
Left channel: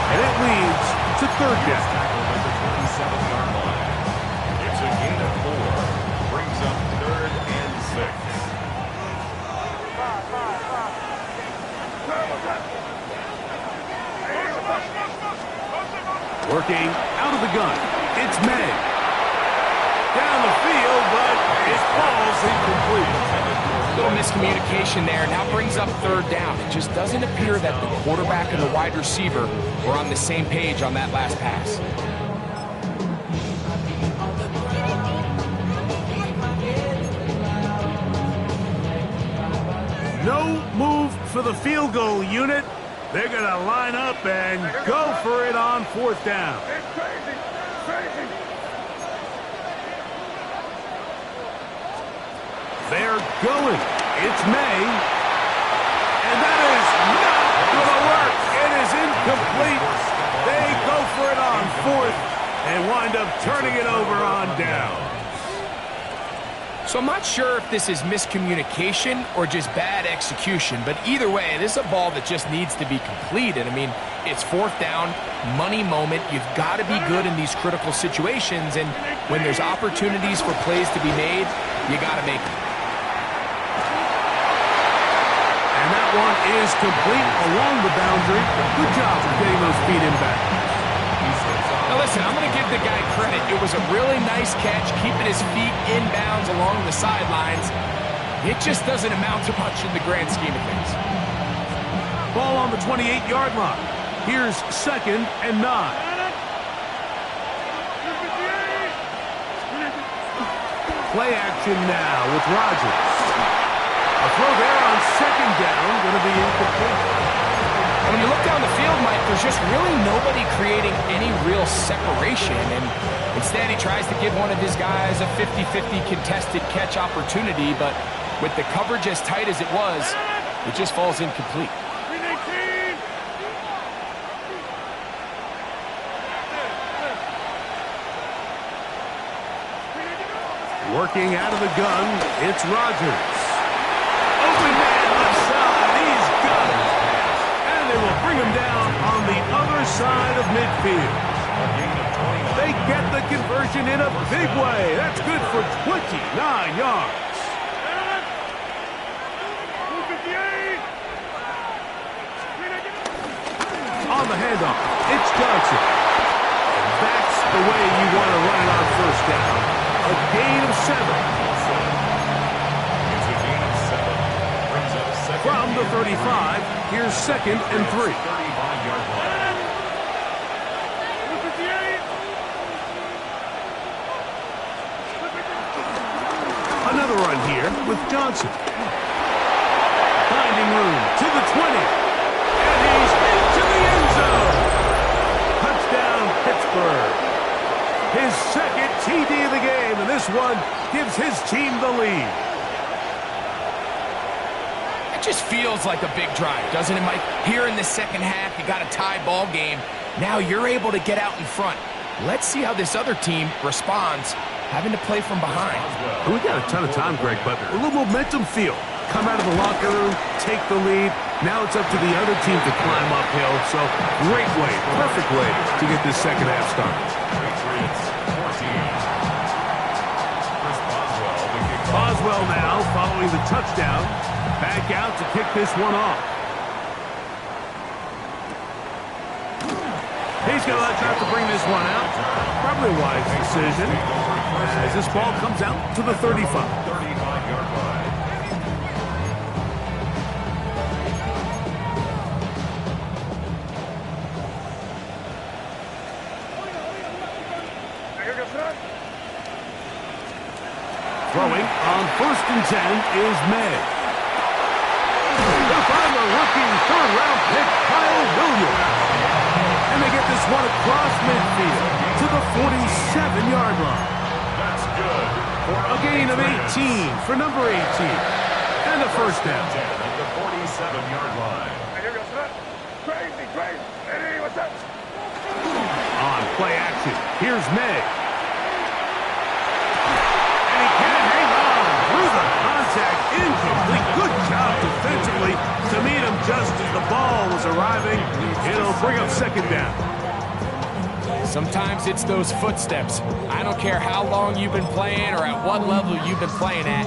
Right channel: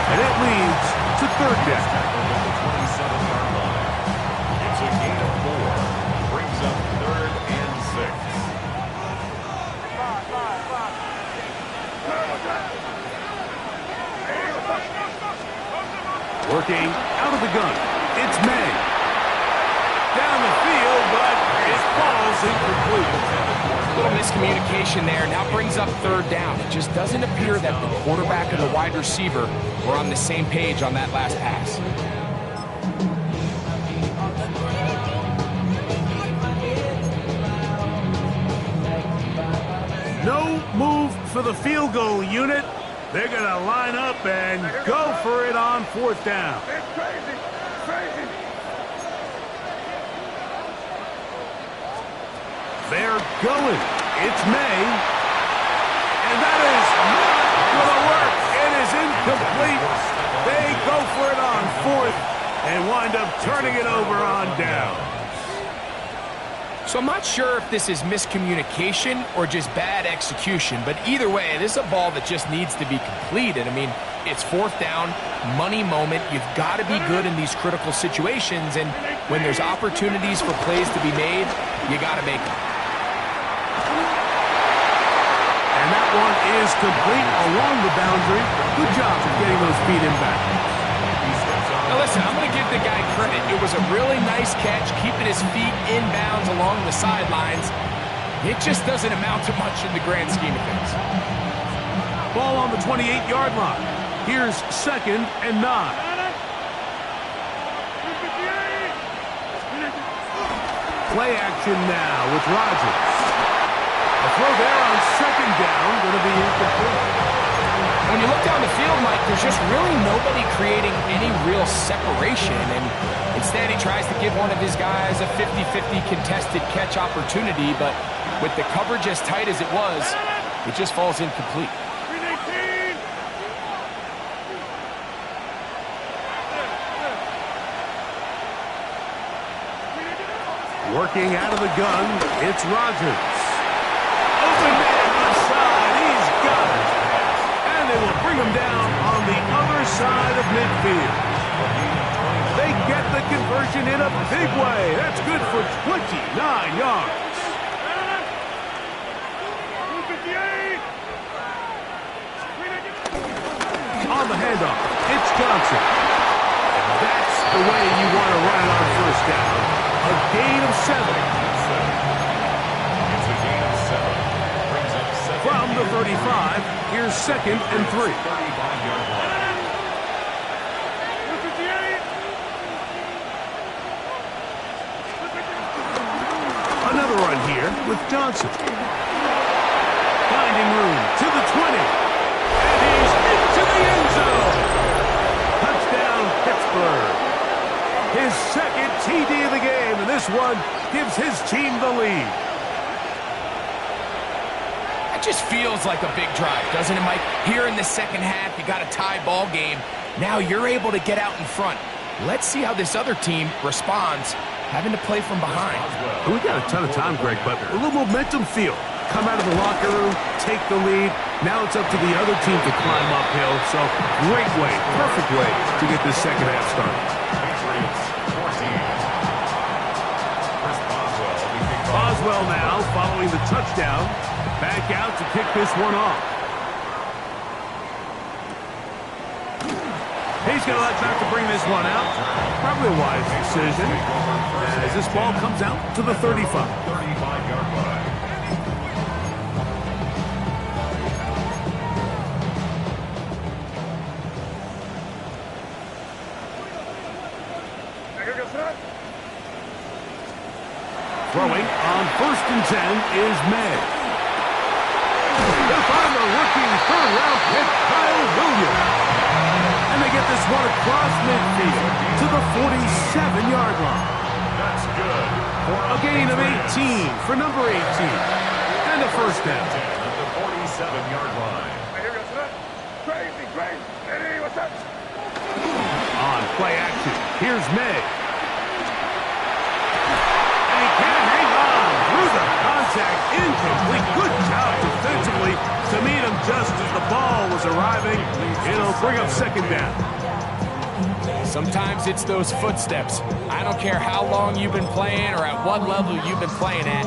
and it leads to 3rd down. Tackled at the 27-yard line. It's a gain of 4. Brings up 3rd and 6. Working out of the gun. It's May. Down the field, but it falls incomplete. Little miscommunication there. Now brings up 3rd down. It just doesn't appear that the quarterback and the wide receiver were on the same page on that last pass. No move for the field goal unit. They're going to line up and go for it on 4th down. It's crazy. Crazy. They're going. It's May. And that is not complete. They go for it on fourth and wind up turning it over on downs. So I'm not sure if this is miscommunication or just bad execution, but either way, this is a ball that just needs to be completed. I mean, it's fourth down, money moment. You've got to be good in these critical situations, and when there's opportunities for plays to be made, you got to make them. And that one is complete along the boundary. Good job of getting those feet in back. Now listen, I'm going to give the guy credit. It was a really nice catch, keeping his feet inbounds along the sidelines. It just doesn't amount to much in the grand scheme of things. Ball on the 28-yard line. Here's 2nd and 9. Play action now with Rodgers. A throw there on 2nd down, going to be incomplete. When you look down the field, Mike, there's just really nobody creating any real separation, and instead he tries to give one of his guys a 50-50 contested catch opportunity, but with the coverage as tight as it was, it just falls incomplete. Working out of the gun, it's Rodgers. Open man left side, he's got it. And they will bring him down on the other side of midfield. They get the conversion in a big way. That's good for 29 yards. On the handoff, it's Johnson. And that's the way you want to run it on first down. A gain of 7. It's a gain of 7. Brings up second. From the 35, here's 2nd and 3. 35-yard line. Another run here with Johnson. Finding room to the 20. And he's into the end zone. Touchdown, Pittsburgh. His 2nd TD of the game, and this one gives his team the lead. That just feels like a big drive, doesn't it, Mike? Here in the second half, you got a tie ball game. Now you're able to get out in front. Let's see how this other team responds, having to play from behind. We got a ton of time, Greg, but a little momentum feel. Come out of the locker room, take the lead. Now it's up to the other team to climb uphill. So great way, perfect way to get this second half started. Patriots 14. Chris Boswell, the kickoff. Boswell now following the touchdown. Back out to kick this one off. He's going to let out to bring this one out. Probably a wise decision as this ball comes out to the 35. 35-yard line. Throwing on 1st and 10 is May. He'll find the rookie third-round pick, Kyle Williams. And they get this one across midfield to the 47-yard line. That's good. A gain of 18 for number 18. And a first down. 10 at the 47-yard line. Crazy. Eddie, what's up? On play action, here's May. And he can't hang on through the contact. Incomplete. Good job defensively to meet him just as the ball was arriving. It'll bring up 2nd down. Sometimes it's those footsteps. I don't care how long you've been playing or at what level you've been playing at.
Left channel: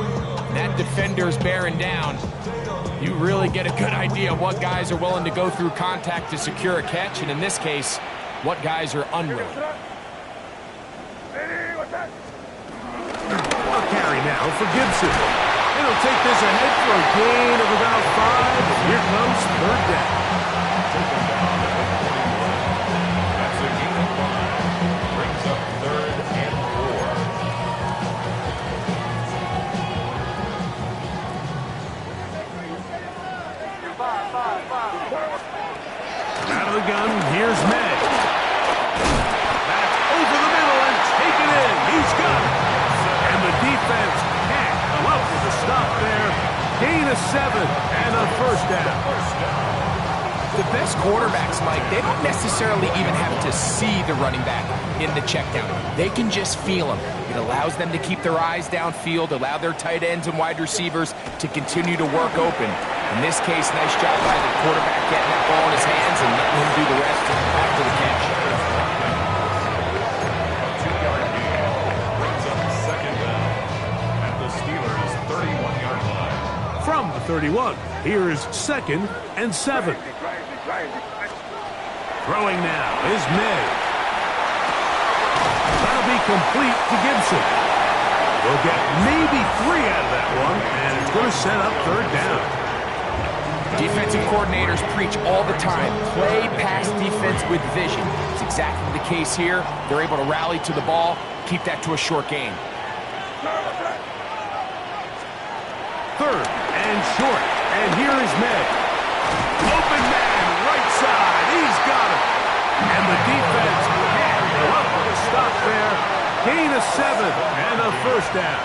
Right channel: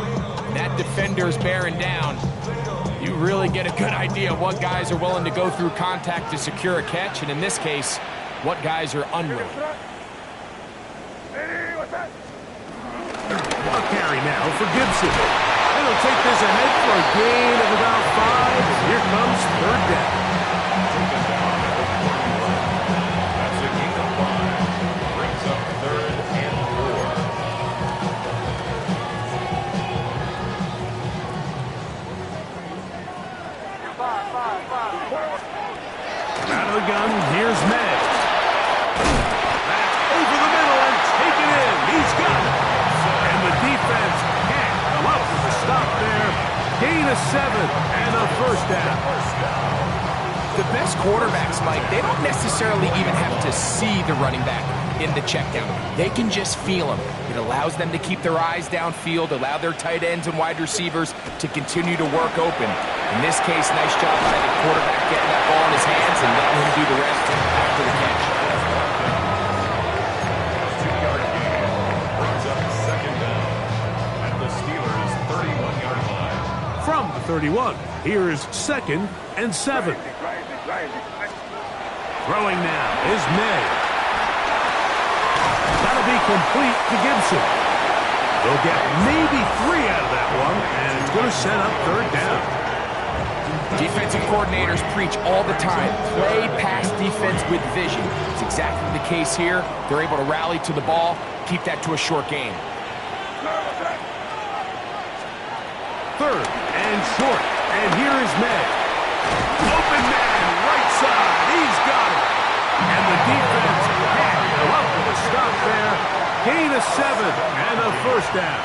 That defender's bearing down. You really get a good idea of what guys are willing to go through contact to secure a catch, and in this case, what guys are unwilling. A carry now for Gibson. And he'll take this ahead for a gain of about 5. And here comes 3rd down. Taken down at the 41. That's a gain of 5. Brings up 3rd and 4. Out of the gun, here's May. Back over the middle and taken in. He's got it. And the defense can't come up with a stop there. Gain of 7 and a first down. The best quarterbacks, Mike, they don't necessarily even have to see the running back in the check down. They can just feel him. It allows them to keep their eyes downfield, allow their tight ends and wide receivers to continue to work open. In this case, nice job by the quarterback getting that ball in his hands and letting him do the rest after the catch. A 2-yard gain brings up second down at the Steelers' 31-yard line. From the 31, here's 2nd and 7. Throwing now is May. That'll be complete to Gibson. They'll get maybe 3 out of that one, and it's going to set up 3rd down. Defensive coordinators preach all the time, play pass defense with vision. It's exactly the case here. They're able to rally to the ball, keep that to a short game. 3rd and short, and here is May. Open man, right side, he's got it. And the defense can't go up with a stop there. Gain of 7 and a 1st down.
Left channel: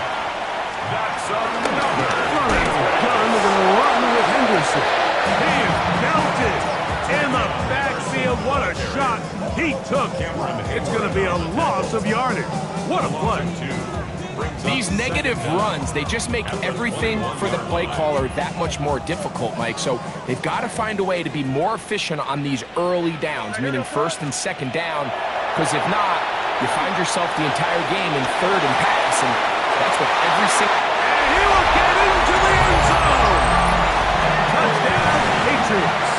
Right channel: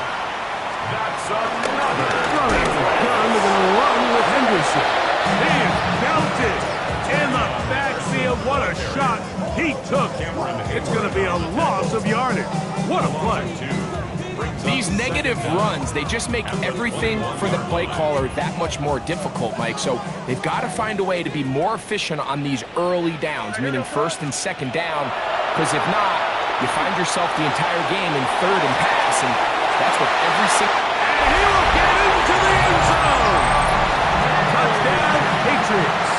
That's another. Running the gun, they're going to run with Henderson. He is belted in the backfield. What a shot he took. It's going to be a loss of yardage. What a play. These negative runs, they just make everything for the play caller that much more difficult, Mike. So they've got to find a way to be more efficient on these early downs, meaning 1st and 2nd down, because if not, you find yourself the entire game in 3rd and pass, and that's what every single... And he will get into the end zone. Touchdown, Patriots.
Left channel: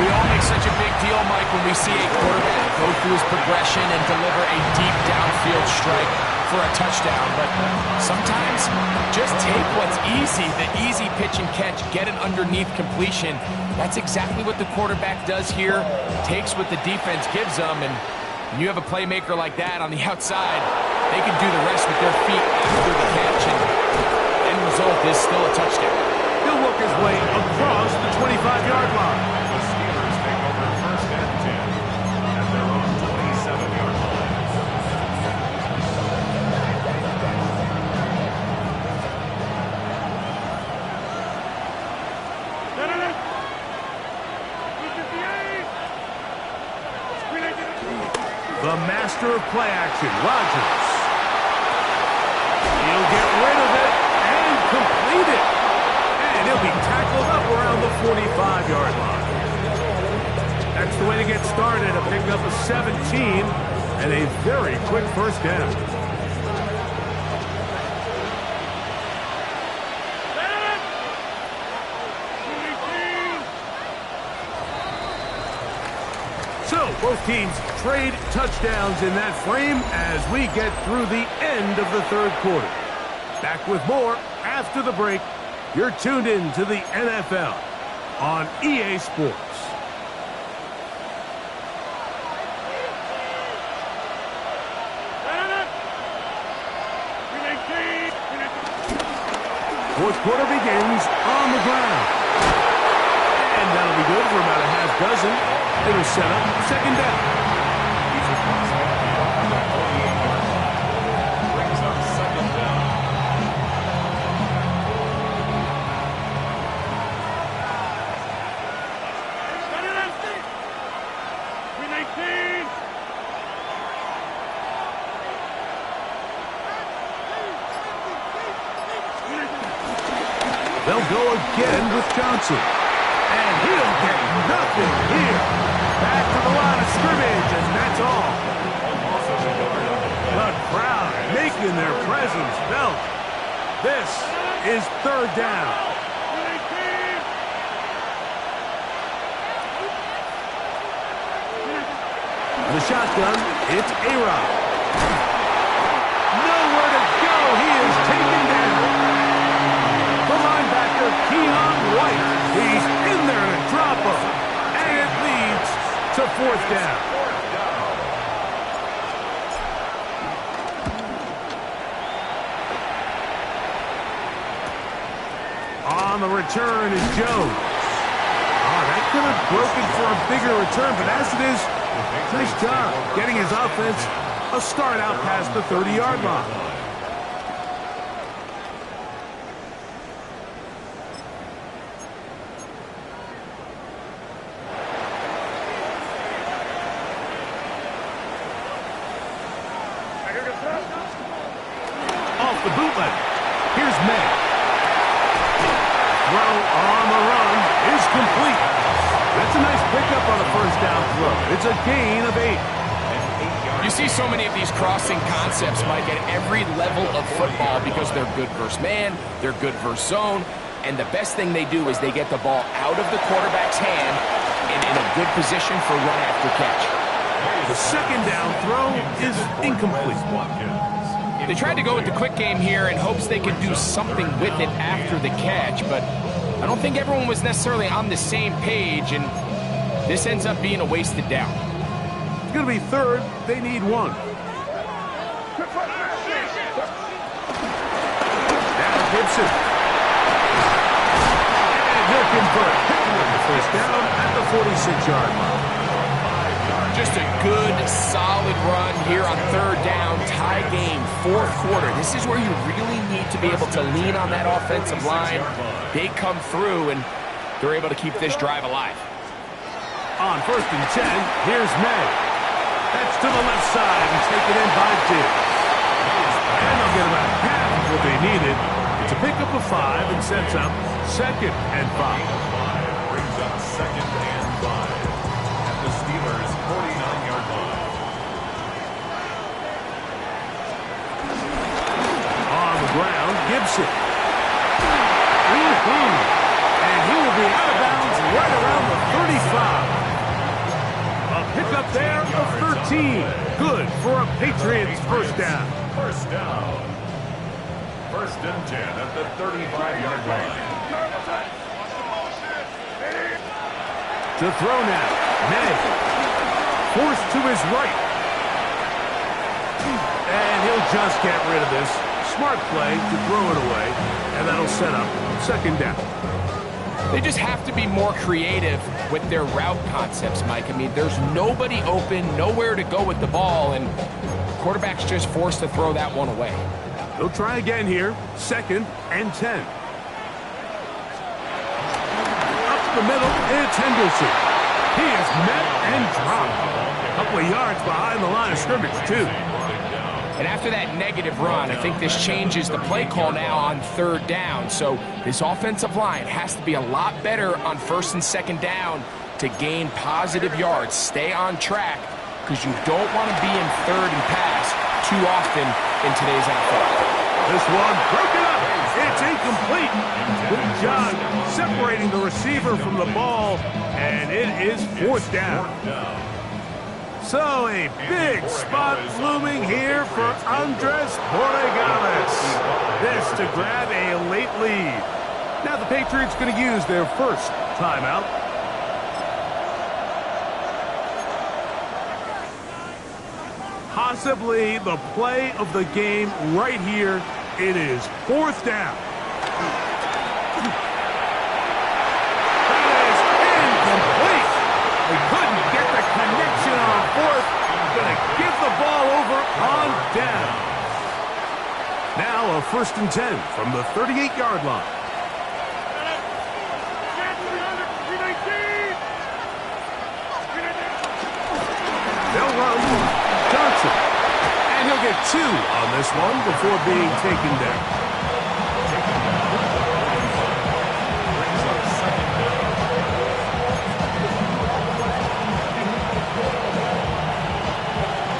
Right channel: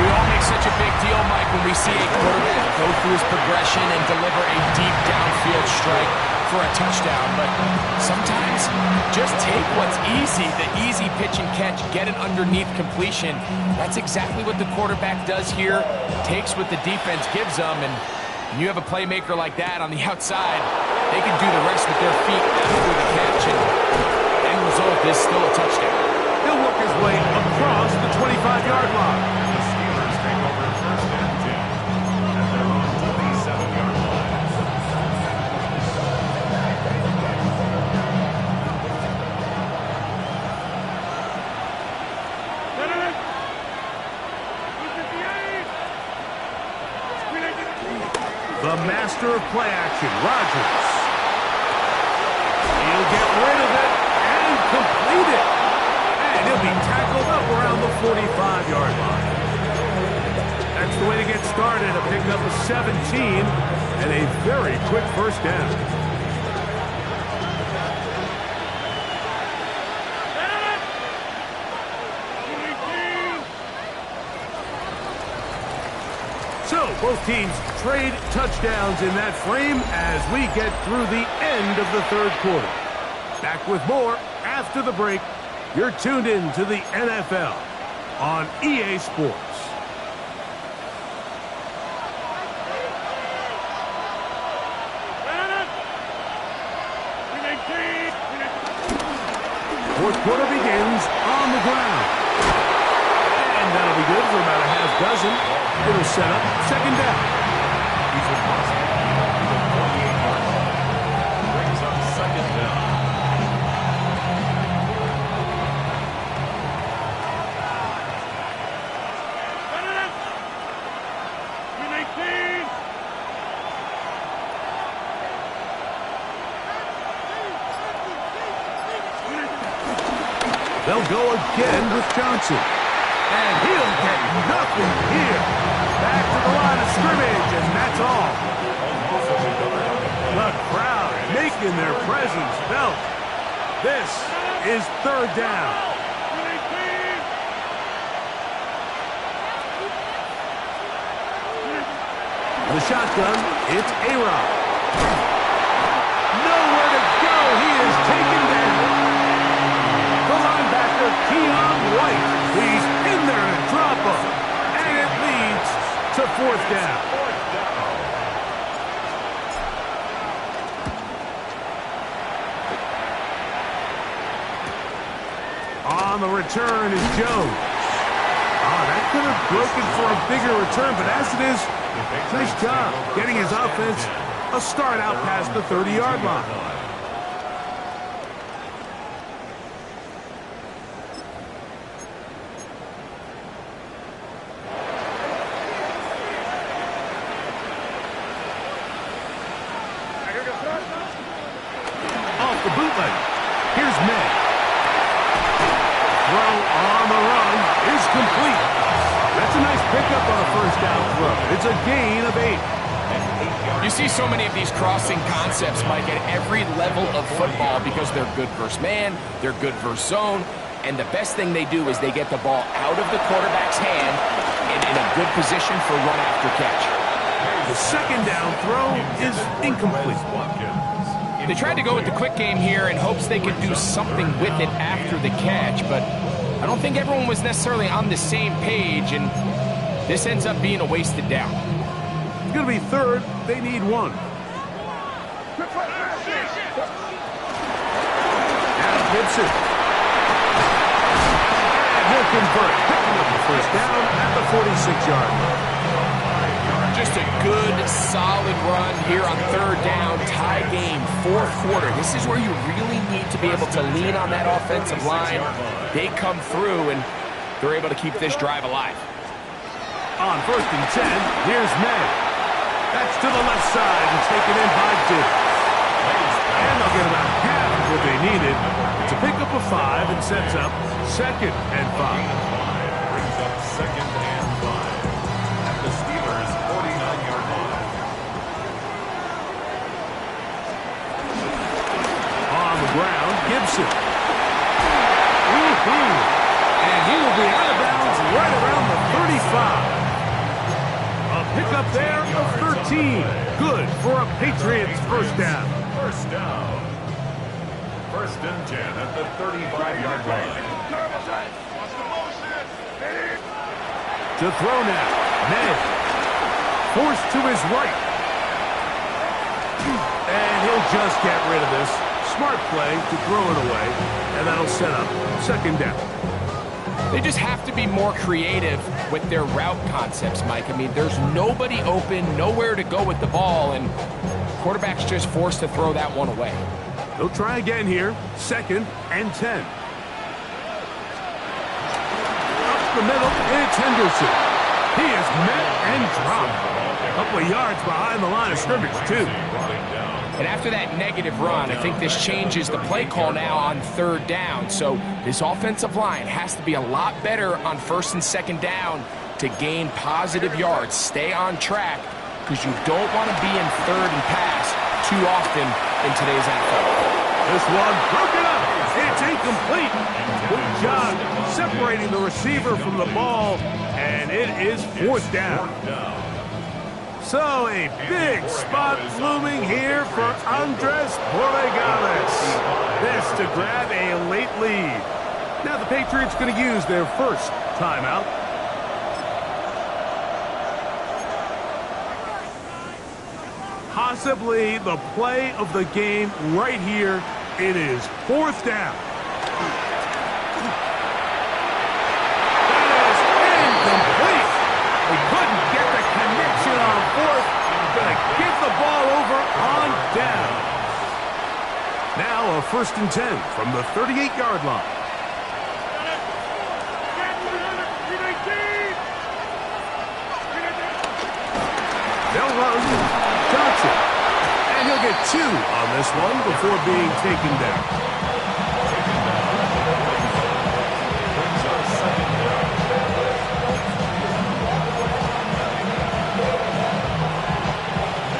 We all make such a big deal, Mike, when we see a quarterback go through his progression and deliver a deep downfield strike for a touchdown. But sometimes just take what's easy, the easy pitch and catch, get an underneath completion. That's exactly what the quarterback does here, takes what the defense gives them, and when you have a playmaker like that on the outside, they can do the rest with their feet after the catch, and the end result is still a touchdown. He'll work his way across the 25-yard line. The Steelers take over 1st and 10 at their own 27-yard line. The master of play action, Rodgers. He'll get rid of it and complete it. And he'll be tackled up around the 45-yard line. That's the way to get started, a pickup of 17 and a very quick 1st down. So, both teams trade touchdowns in that frame as we get through the end of the 3rd quarter. Back with more after the break. You're tuned in to the NFL on EA Sports. Fourth quarter begins on the ground. And that'll be good for about a half dozen. It'll set up 2nd down. He's across midfield to the 48-yard line. Brings up 2nd down. They'll go again with Johnson. And he'll get nothing here. Back to the line of scrimmage, and that's all. The crowd making their presence felt. This is 3rd down. The shotgun, it's A-Rod. Nowhere to go. He is taken down. The linebacker, Keon White. He's in there to drop him. And it leads to 4th down. On the return is Jones. That could have broken for a bigger return, but as it is, nice job getting his offense a start out past the 30-yard line. the bootleg. Here's May. Throw on the run is complete. That's a nice pickup on a first down throw. It's a gain of 8. You see so many of these crossing concepts, Mike, at every level of football because they're good versus man, they're good versus zone, and the best thing they do is they get the ball out of the quarterback's hand and in a good position for run after catch. The second down throw is incomplete. They tried to go with the quick game here in hopes they could do something with it after the catch, but I don't think everyone was necessarily on the same page, and this ends up being a wasted down. It's going to be third. They need 1. Now Gibson. And he'll convert, picking up the first down at the 46-yard line. Just a good, solid run here on third down, tie game, fourth quarter. This is where you really need to be able to lean on that offensive line. They come through, and they're able to keep this drive alive. On 1st and 10, here's May. That's to the left side and taken in by Diggs. And they'll get about half of what they needed. It's a pickup of 5 and sets up 2nd and 5. Brings up 2nd and 5 at the Steelers' 49-yard line. On the ground, Gibson. And he will be out of bounds right around the 35. A pickup there of 13. Good for a Patriots first down. First down. 1st and 10 at the 35-yard line. To throw now. May. Forced to his right. And he'll just get rid of this. Smart play to throw it away. And that'll set up 2nd down. They just have to be more creative with their route concepts, Mike. I mean, there's nobody open, nowhere to go with the ball, and quarterback's just forced to throw that one away. They'll try again here. 2nd and 10. Up the middle, it's Henderson. He is met and dropped. A couple of yards behind the line of scrimmage, too. And after that negative run, I think this changes the play call now on 3rd down. So this offensive line has to be a lot better on 1st and 2nd down to gain positive yards. Stay on track because you don't want to be in 3rd and pass too often in today's NFL. This one broken up. It's incomplete. Good job separating the receiver from the ball, and it is 4th down. So a big spot looming here for Andres Borregales. This to grab a late lead. Now the Patriots going to use their first timeout. Possibly the play of the game right here. It is 4th down. That is incomplete. We couldn't get the connection on 4th. Going to give the ball over on down. Now a 1st and 10 from the 38-yard line. They'll run Johnson. And he'll get 2 on this one before being taken down. Brings up 2nd down.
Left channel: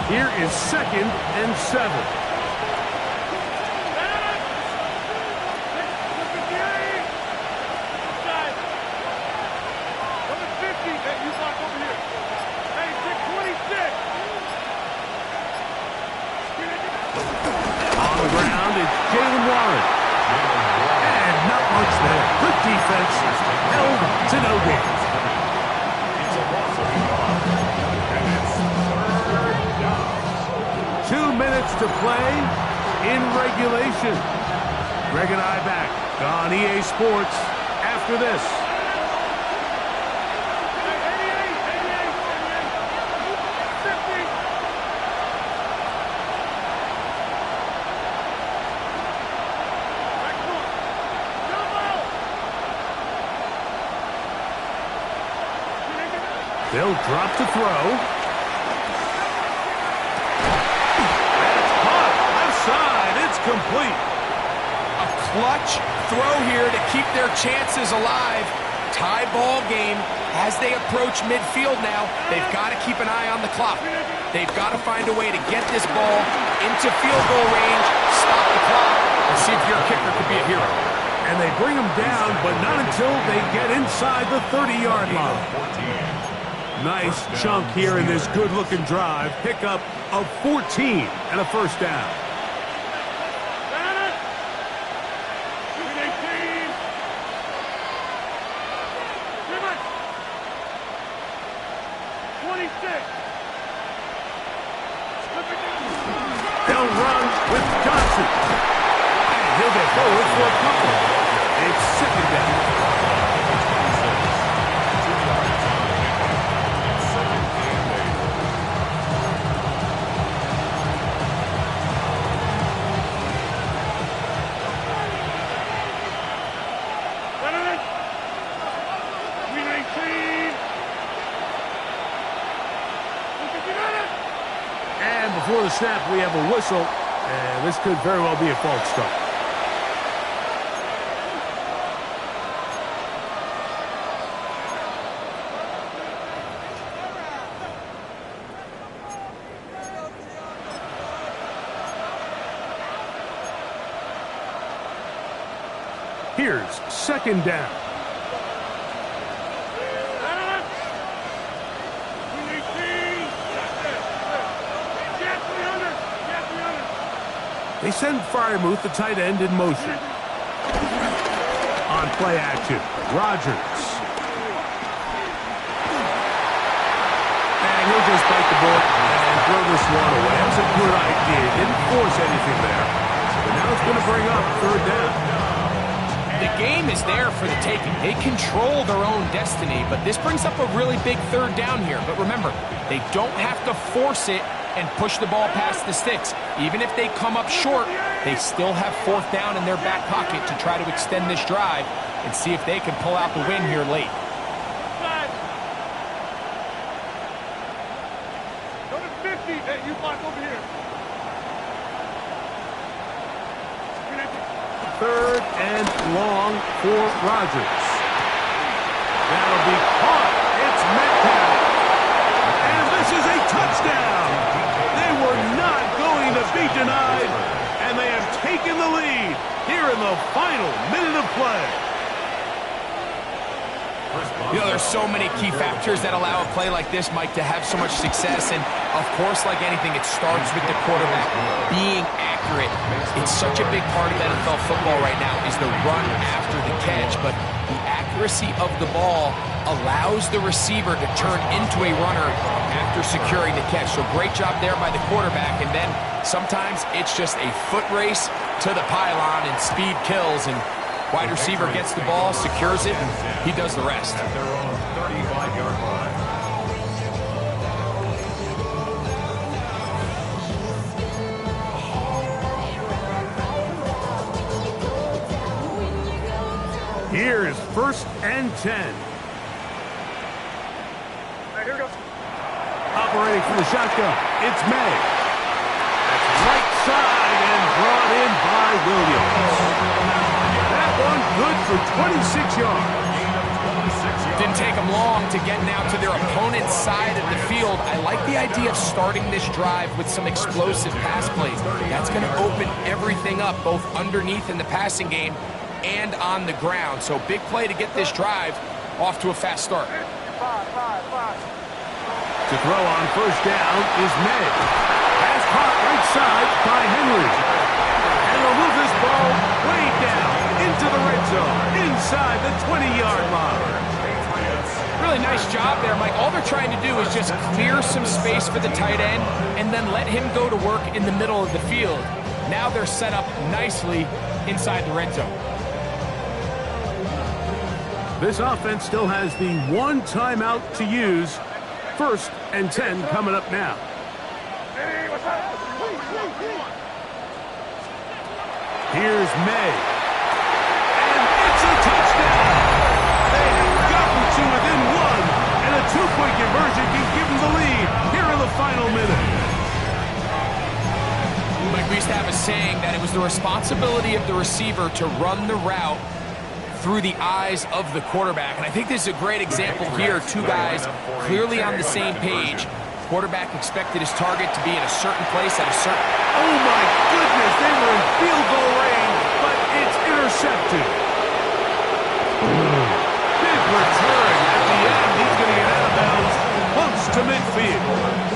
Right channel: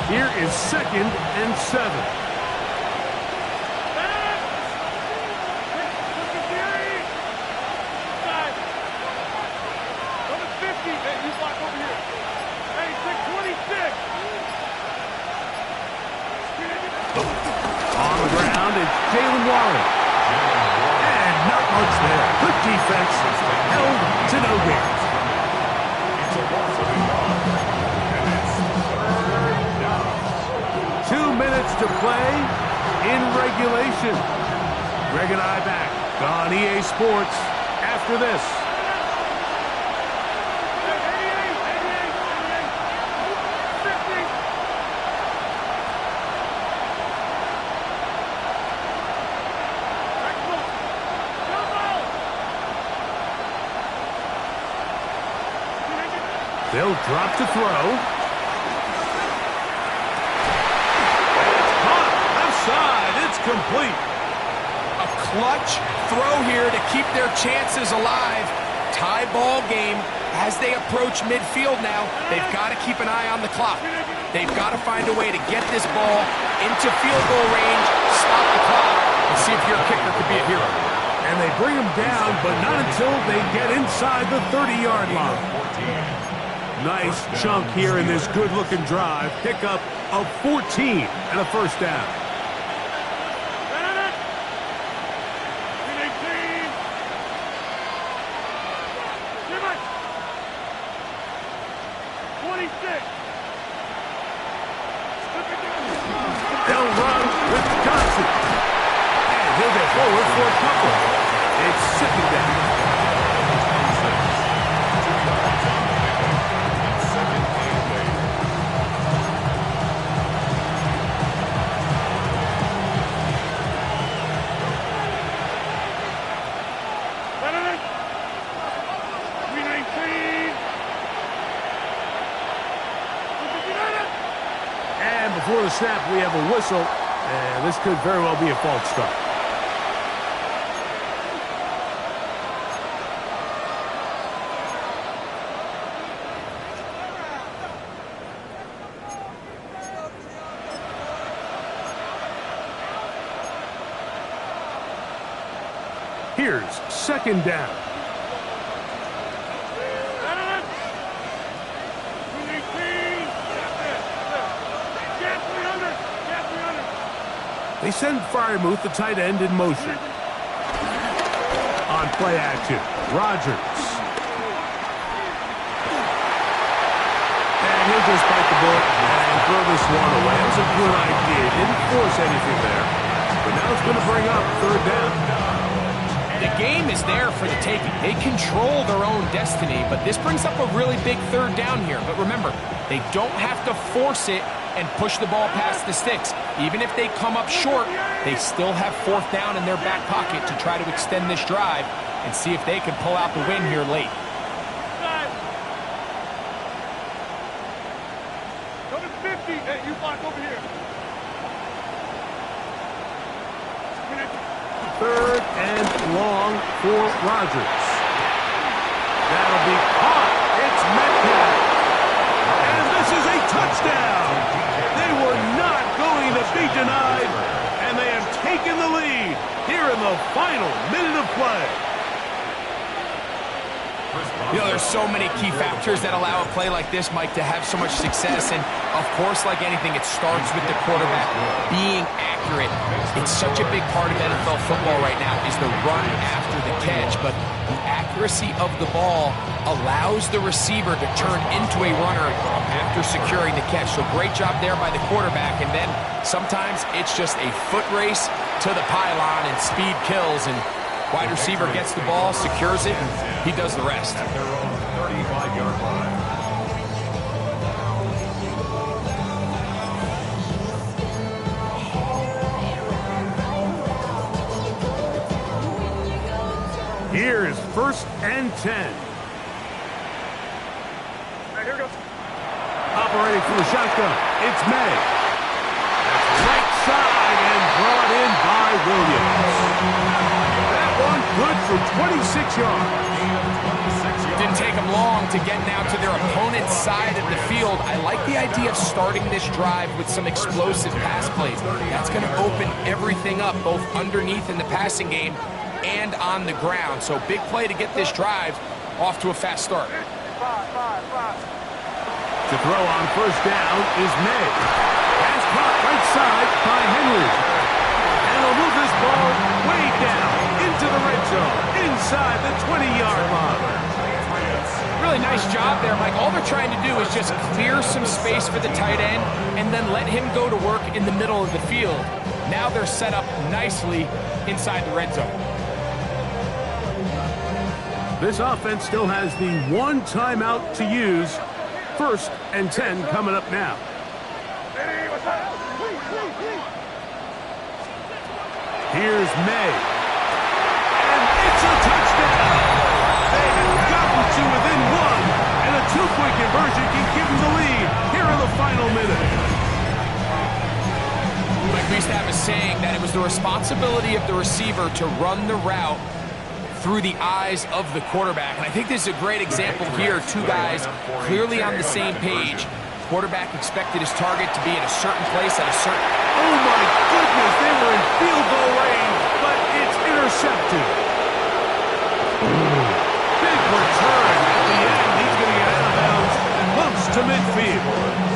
Here is 2nd and 7. On the ground, it's Jalen Warren. And not much there. Good defense. Held to no gain. It's a loss of a yard. And it's 3rd down. 2 minutes to play in regulation. Greg and I back on EA Sports after this. They'll drop to throw. That's caught. Left side. It's complete. clutch throw here to keep their chances alive. Tie ball game as they approach midfield now. They've got to keep an eye on the clock. They've got to find a way to get this ball into field goal range, stop the clock, and see if your kicker could be a hero. And they bring him down, but not until they get inside the 30-yard line. Nice chunk here in this good-looking drive. Pickup of 14 and a first down. 26. They'll run with Johnson. And he'll get forward for a couple. It's second down. 2 yards on the pickup. It's second and 319. And before the snap, we have a whistle, and this could very well be a false start. Here's second down. They send Fryermuth, the tight end, in motion. On play action, Rodgers. And he'll just bite the bullet and throw this one away. That was a good idea. Didn't force anything there. But now it's going to bring up third down. The game is there for the taking. They control their own destiny, but this brings up a really big third down here. But remember, they don't have to force it and push the ball past the sticks. Even if they come up short, they still have fourth down in their back pocket to try to extend this drive and see if they can pull out the win here late. Number 50, hey, you block over here. Third and long for Rodgers. That'll be caught. It's Metcalf. And this is a touchdown. They were not going to be denied, and they have taken the lead here in the final minute of play. You know, there's so many key factors that allow a play like this, Mike, to have so much success. And, of course, like anything, it starts with the quarterback being accurate. It's such a big part of NFL football right now is the run after the catch. But the accuracy of the ball allows the receiver to turn into a runner after securing the catch. So great job there by the quarterback. And then sometimes it's just a foot race to the pylon and speed kills. And wide receiver gets the ball, secures it, and he does the rest. At their own 35-yard line. Here's first and 10. Hey, here goes. Operating from the shotgun, it's May. That's right side and brought in by Williams. That one good for 26 yards. Didn't take them long to get now to their opponent's side of the field. I like the idea of starting this drive with some explosive pass plays. That's going to open everything up, both underneath in the passing game and on the ground. So big play to get this drive off to a fast start. To throw on first down is May. Pass caught right side by Henry. And they'll move this ball way down into the red zone, inside the 20-yard line. Really nice job there, Mike. All they're trying to do is just clear some space for the tight end and then let him go to work in the middle of the field. Now they're set up nicely inside the red zone. This offense still has the one timeout to use. First and 10 coming up now. Hey, what's up? Here's May. And it's a touchdown. They have gotten to within one, and a two-point conversion can give them the lead here in the final minute. But We used to have a saying that it was the responsibility of the receiver to run the route through the eyes of the quarterback. And I think this is a great example here. Two guys clearly on the same page. Quarterback expected his target to be in a certain place at a certain... Oh, my goodness. They were in field goal range, but it's intercepted. Big return at the end. He's going to get out of bounds. Close to midfield.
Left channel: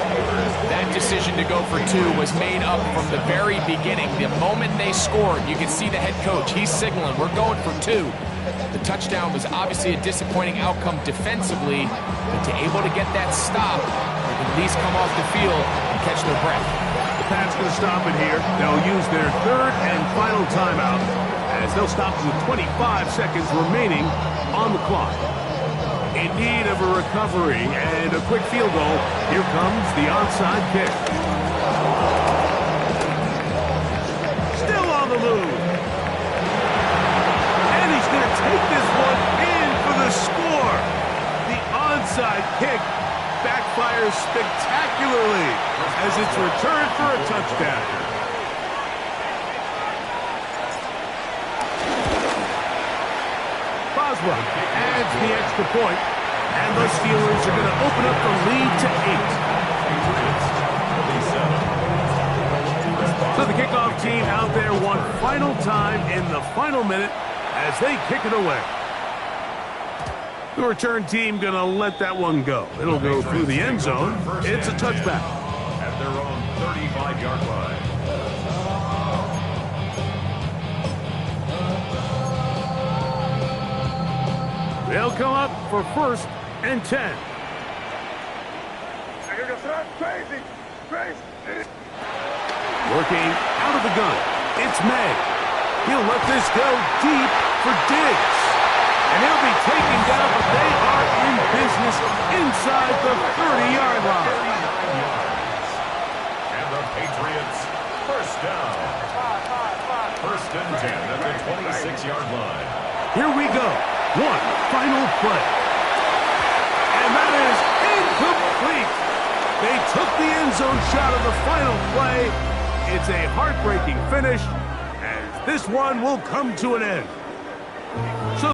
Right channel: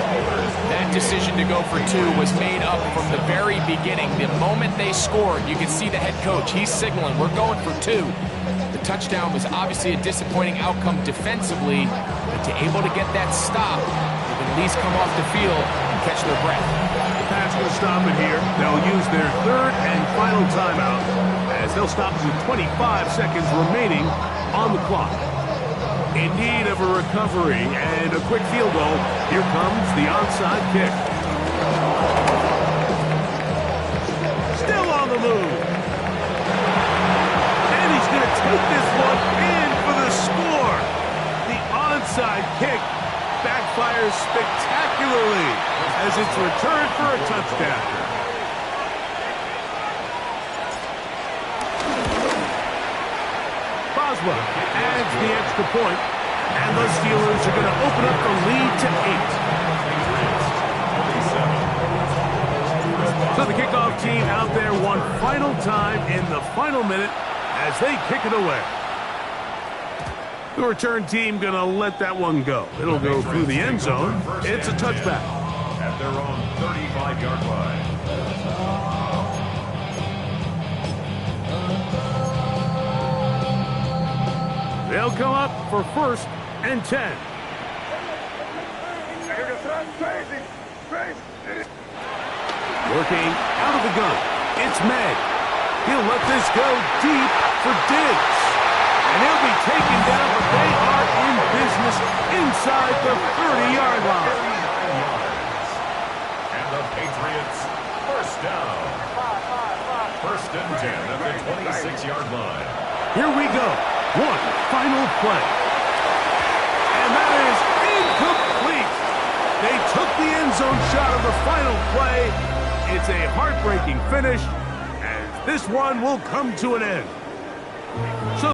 That decision to go for two was made up from the very beginning. The moment they scored, you could see the head coach. He's signaling, we're going for two. The touchdown was obviously a disappointing outcome defensively, but to able to get that stop, they can at least come off the field and catch their breath. The Pats going to stop it here. They'll use their third and final timeout as they'll stop it with 25 seconds remaining on the clock. In need of a recovery and a quick field goal, here comes the onside kick. Still on the move. And he's going to take this one in for the score. The onside kick backfires spectacularly as it's returned for a touchdown. Boswell adds the extra point, and the Steelers are going to open up the lead to 8. So the kickoff team out there one final time in the final minute as they kick it away. The return team going to let that one go. It'll go through the end zone. It's a touchback. At their own 35-yard line. They'll come up for 1st and 10. Crazy. Working out of the gun. It's May. He'll let this go deep for Diggs. And he'll be taken down, but they are in business inside the 30-yard line. 39 yards. And the Patriots, first down. 1st and 10 at the 26-yard line. Here we go. One final play. And that is incomplete. They took the end zone shot of the final play. It's a heartbreaking finish as this one will come to an end.